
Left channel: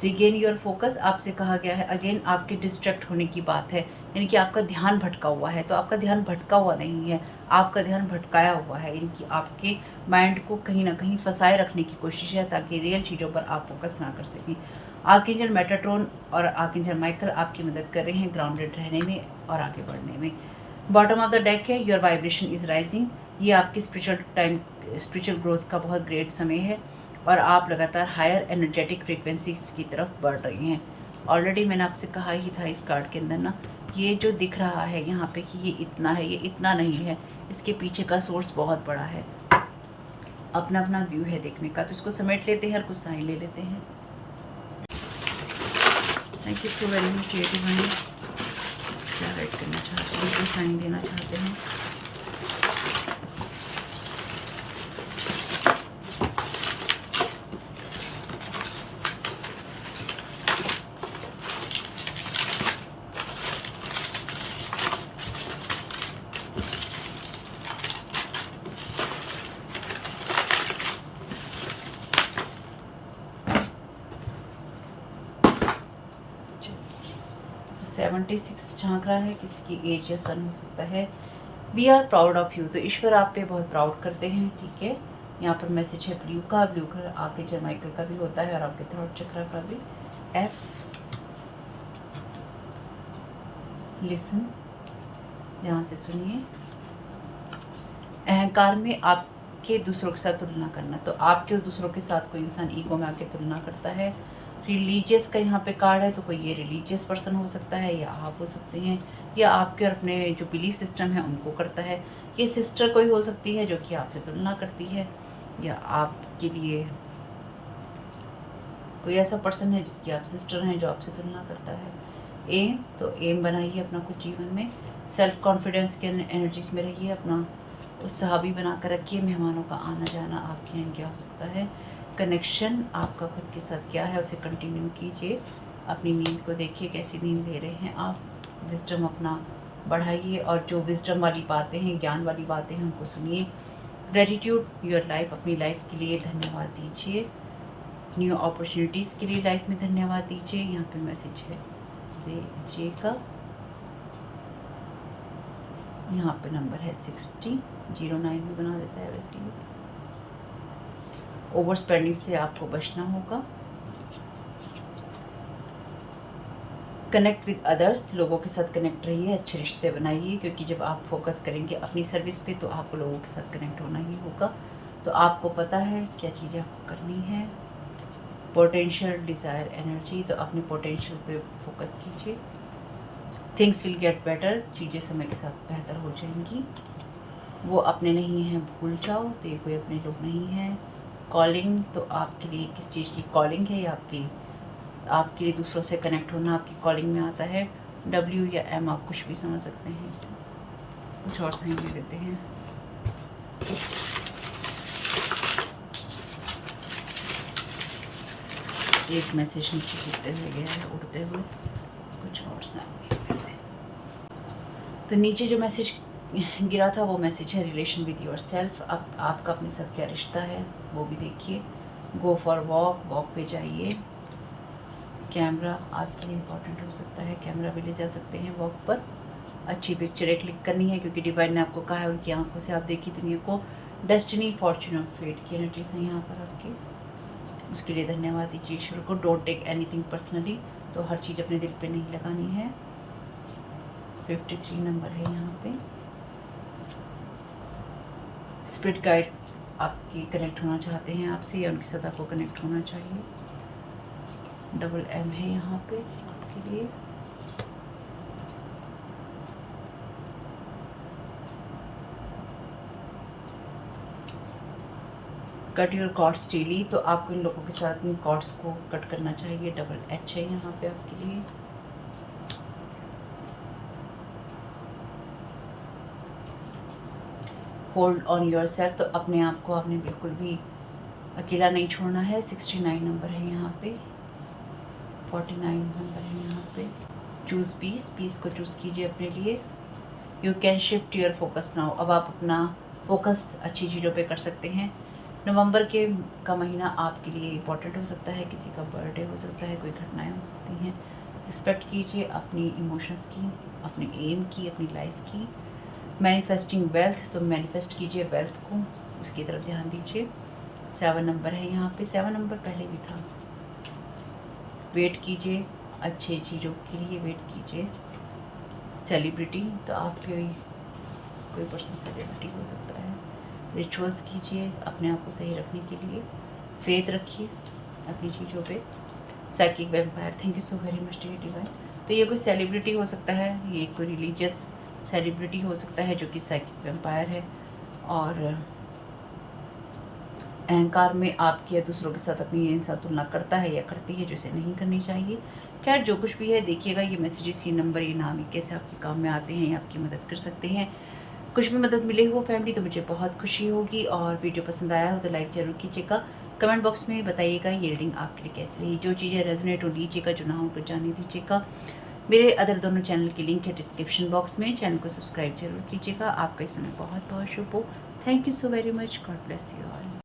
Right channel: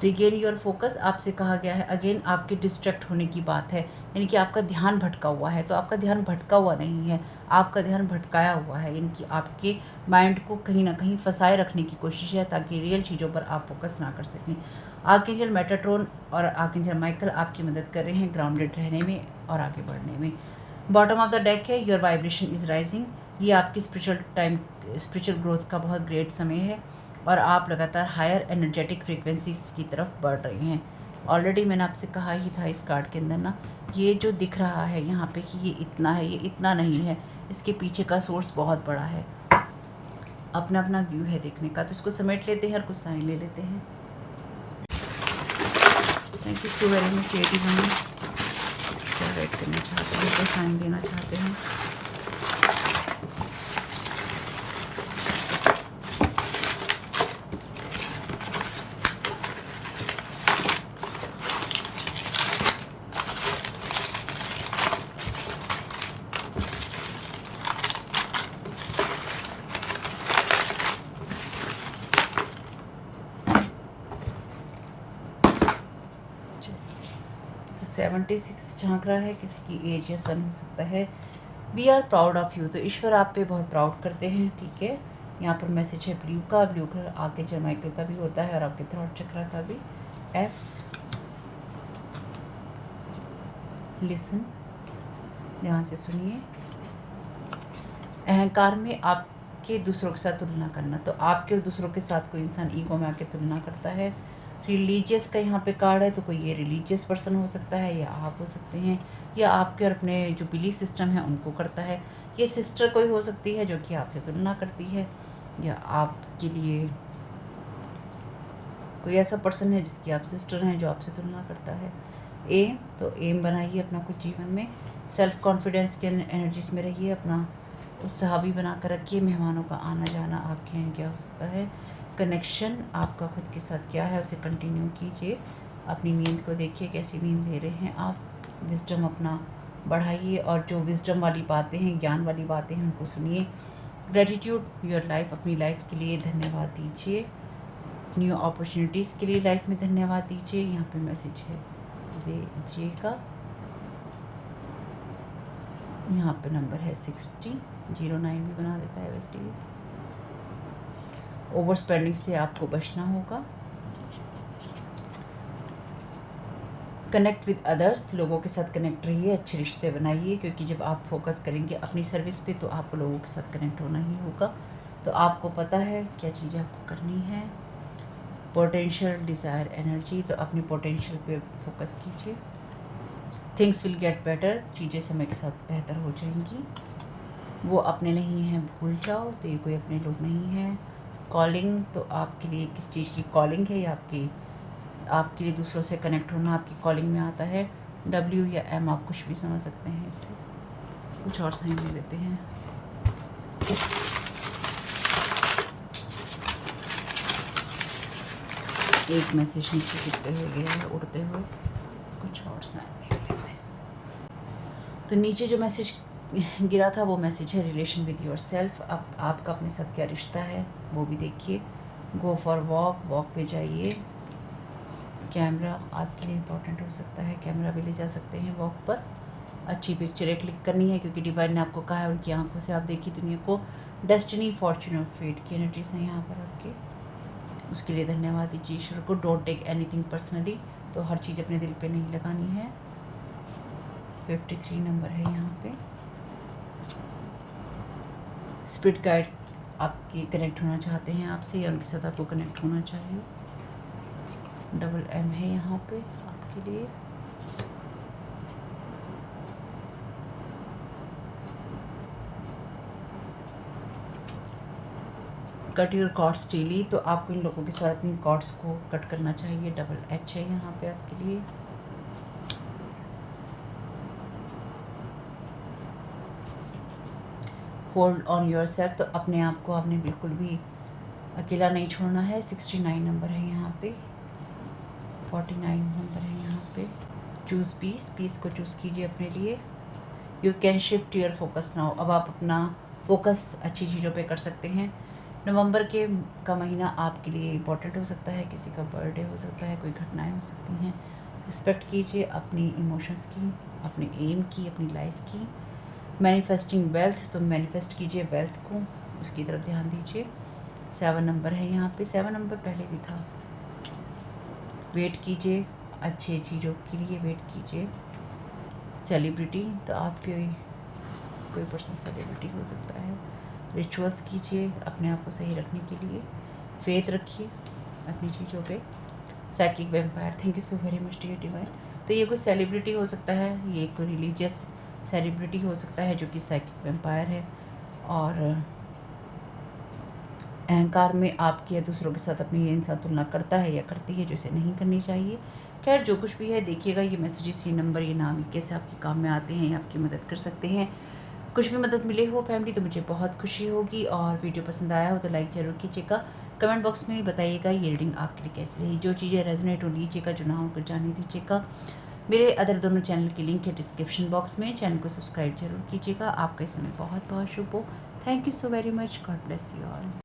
Regain your focus, आपसे कहा गया है अगेन आपके डिस्ट्रैक्ट होने की बात है, यानी कि आपका ध्यान भटका हुआ है। तो आपका ध्यान भटका हुआ नहीं है, आपका ध्यान भटकाया हुआ है, यानी कि आपके माइंड को कहीं ना कहीं फंसाए रखने की कोशिश है ताकि रियल चीज़ों पर आप फोकस ना कर सकें। आर्कएंजल मेटाट्रॉन और आर्कएंजल माइकल आपकी मदद कर रहे हैं ग्राउंडेड रहने में और आगे बढ़ने में। बॉटम ऑफ द डेक है योर वाइब्रेशन इज़ राइजिंग, ये आपकी स्पिरिचुअल ग्रोथ का बहुत ग्रेट समय है और आप लगातार हायर एनर्जेटिक फ्रीक्वेंसीज की तरफ बढ़ रहे हैं। ऑलरेडी मैंने आपसे कहा ही था इस कार्ड के अंदर ना, ये जो दिख रहा है यहाँ पे कि ये इतना है, ये इतना नहीं है, इसके पीछे का सोर्स बहुत बड़ा है। अपना अपना व्यू है देखने का, तो उसको समेट लेते हैं और कुछ साइन ले लेते हैं। Thank you so very much divine. क्या वेट करना चाहते हैं, क्या साइन देना चाहते हैं। तो 76 झांक रहा है, किसी की एज या सन हो सकता है। We are proud of you, तो ईश्वर आप पे बहुत प्राउड करते हैं, ठीक है। यहाँ पर मैसेज है ब्लू का आगे जर्माइकल का भी होता है और आपके थर्ड चक्र का भी। एफ, लिसन, ध्यान से सुनिए। अहंकार में आपके दूसरों के साथ तुलना करना, तो आपके और दूसरों के साथ कोई इंसान ईगो में आके तुलना करता है। रिलीजियस का यहाँ पे कार्ड है, तो कोई ये रिलीजियस पर्सन हो सकता है या आप हो सकते हैं, या आपके और अपने जो बिलीफ सिस्टम है उनको करता है। ये सिस्टर कोई हो सकती है जो कि आपसे तुलना करती है, या आपके लिए कोई ऐसा पर्सन है जिसकी आप सिस्टर हैं जो आपसे तुलना करता है। एम, तो एम बनाइए अपना कुछ जीवन में। सेल्फ कॉन्फिडेंस के एनर्जीज में रहिए, अपना उत्साह भी बना कर रखिए। मेहमानों का आना जाना आपके यहाँ क्या हो सकता है। कनेक्शन आपका खुद के साथ क्या है उसे कंटिन्यू कीजिए। अपनी नींद को देखिए, कैसी नींद ले रहे हैं आप। विजडम अपना बढ़ाइए, और जो विजडम वाली बातें हैं, ज्ञान वाली बातें हैं, उनको सुनिए। ग्रेटिट्यूड योर लाइफ, अपनी लाइफ के लिए धन्यवाद दीजिए। न्यू अपॉर्चुनिटीज़ के लिए लाइफ में धन्यवाद दीजिए। यहाँ पे मैसेज है जे का, यहाँ पे नंबर है 60, 09 भी बना देता है वैसे ही। ओवर स्पेंडिंग से आपको बचना होगा। कनेक्ट विद अदर्स, लोगों के साथ कनेक्ट रहिए, अच्छे रिश्ते बनाइए, क्योंकि जब आप फोकस करेंगे अपनी सर्विस पे तो आपको लोगों के साथ कनेक्ट होना ही होगा। तो आपको पता है क्या चीज़ें आपको करनी है। पोटेंशियल डिज़ायर एनर्जी, तो अपने पोटेंशियल पे फोकस कीजिए। थिंग्स विल गेट बेटर, चीज़ें समय के साथ बेहतर हो जाएंगी। वो अपने नहीं हैं भूल जाओ, तो ये कोई अपने लोग नहीं हैं। कॉलिंग, तो आपके लिए किस चीज़ की कॉलिंग है, या आपके लिए दूसरों से कनेक्ट होना आपकी कॉलिंग में आता है। डब्ल्यू या एम, आप कुछ भी समझ सकते हैं इसे। कुछ और साइन ले लेते हैं। एक मैसेज नीचे गिरते हुए गए, उड़ते हुए, कुछ और साइन ले लेते हैं। तो नीचे जो मैसेज गिरा था वो मैसेज है रिलेशन विद योर सेल्फ। अब आपका अपने साथ क्या रिश्ता है वो भी देखिए। गो फॉर वॉक, वॉक पे जाइए। कैमरा आपके लिए इम्पोर्टेंट हो सकता है, कैमरा भी ले जा सकते हैं वॉक पर। अच्छी पिक्चरें क्लिक करनी है, क्योंकि डिवाइन ने आपको कहा है उनकी आंखों से आप देखिए दुनिया को। डेस्टिनी, फॉर्चून और फेट की एनर्जीज हैं यहाँ पर आपके। उसके लिए धन्यवाद दीजिए ईश्वर को। डोंट टेक एनीथिंग पर्सनली, तो हर चीज़ अपने दिल पे नहीं लगानी है। 53 नंबर है यहाँ पे। स्पिरिट गाइड आपकी कनेक्ट होना चाहते हैं आपसे, या उनके साथ आपको कनेक्ट होना चाहिए। डबल एम है यहाँ पे आपके लिए। कट योर कॉर्ड्स डेली, तो आपको इन लोगों के साथ इन कॉर्ड्स को कट करना चाहिए। डबल एच है यहाँ पे आपके लिए। होल्ड ऑन योर सेल्फ, तो अपने आप को आपने बिल्कुल भी अकेला नहीं छोड़ना है। 69 नंबर है यहाँ पे। 49 नंबर है यहाँ पे। चूज़ पीस, पीस को चूज़ कीजिए अपने लिए। You can shift your focus now, अब आप अपना फोकस अच्छी चीज़ों पे कर सकते हैं। नवंबर का महीना आपके लिए इम्पोर्टेंट हो सकता है, किसी का बर्थडे हो सकता है, कोई घटनाएं हो सकती हैं। रिस्पेक्ट कीजिए अपनी इमोशंस की, अपने एम की, अपनी लाइफ की। मैनिफेस्टिंग वेल्थ, तो मैनिफेस्ट कीजिए वेल्थ को, उसकी तरफ ध्यान दीजिए। 7 नंबर है यहाँ पे। 7 नंबर पहले भी था। वेट कीजिए, अच्छी चीज़ों के लिए वेट कीजिए। सेलिब्रिटी, तो आप भी कोई पर्सन सेलिब्रिटी हो सकता है। रिचुअल्स कीजिए अपने आप को सही रखने के लिए। फेथ रखिए अपनी चीज़ों पे। Psychic vampire, thank you so very much dear divine. तो ये कोई सेलिब्रिटी हो सकता है, ये कोई रिलीजियस सेलिब्रिटी हो सकता है जो कि साइकिक वेम्पायर है, और अहंकार में आपकी या दूसरों के साथ अपनी ये इंसान तुलना करता है या करती है, जो इसे नहीं करनी चाहिए। खैर जो कुछ भी है देखिएगा, ये मैसेजेस, ये नंबर, ये नाम, ये कैसे आपके काम में आते हैं या आपकी मदद कर सकते हैं। कुछ भी मदद मिले हो फैमिली तो मुझे बहुत खुशी होगी, और वीडियो पसंद आया हो तो लाइक ज़रूर कीजिएगा। कमेंट बॉक्स में बताइएगा ये रीडिंग आपके लिए कैसी रही। जो चीज़ें रेजोनेट हो लीजिएगा, जो ना हो उनको जाने दीजिएगा। मेरे अदर दोनों चैनल की लिंक है डिस्क्रिप्शन बॉक्स में, चैनल को सब्सक्राइब जरूर कीजिएगा। आपका इस समय बहुत बहुत शुभ हो। Thank you so very much. God bless you all.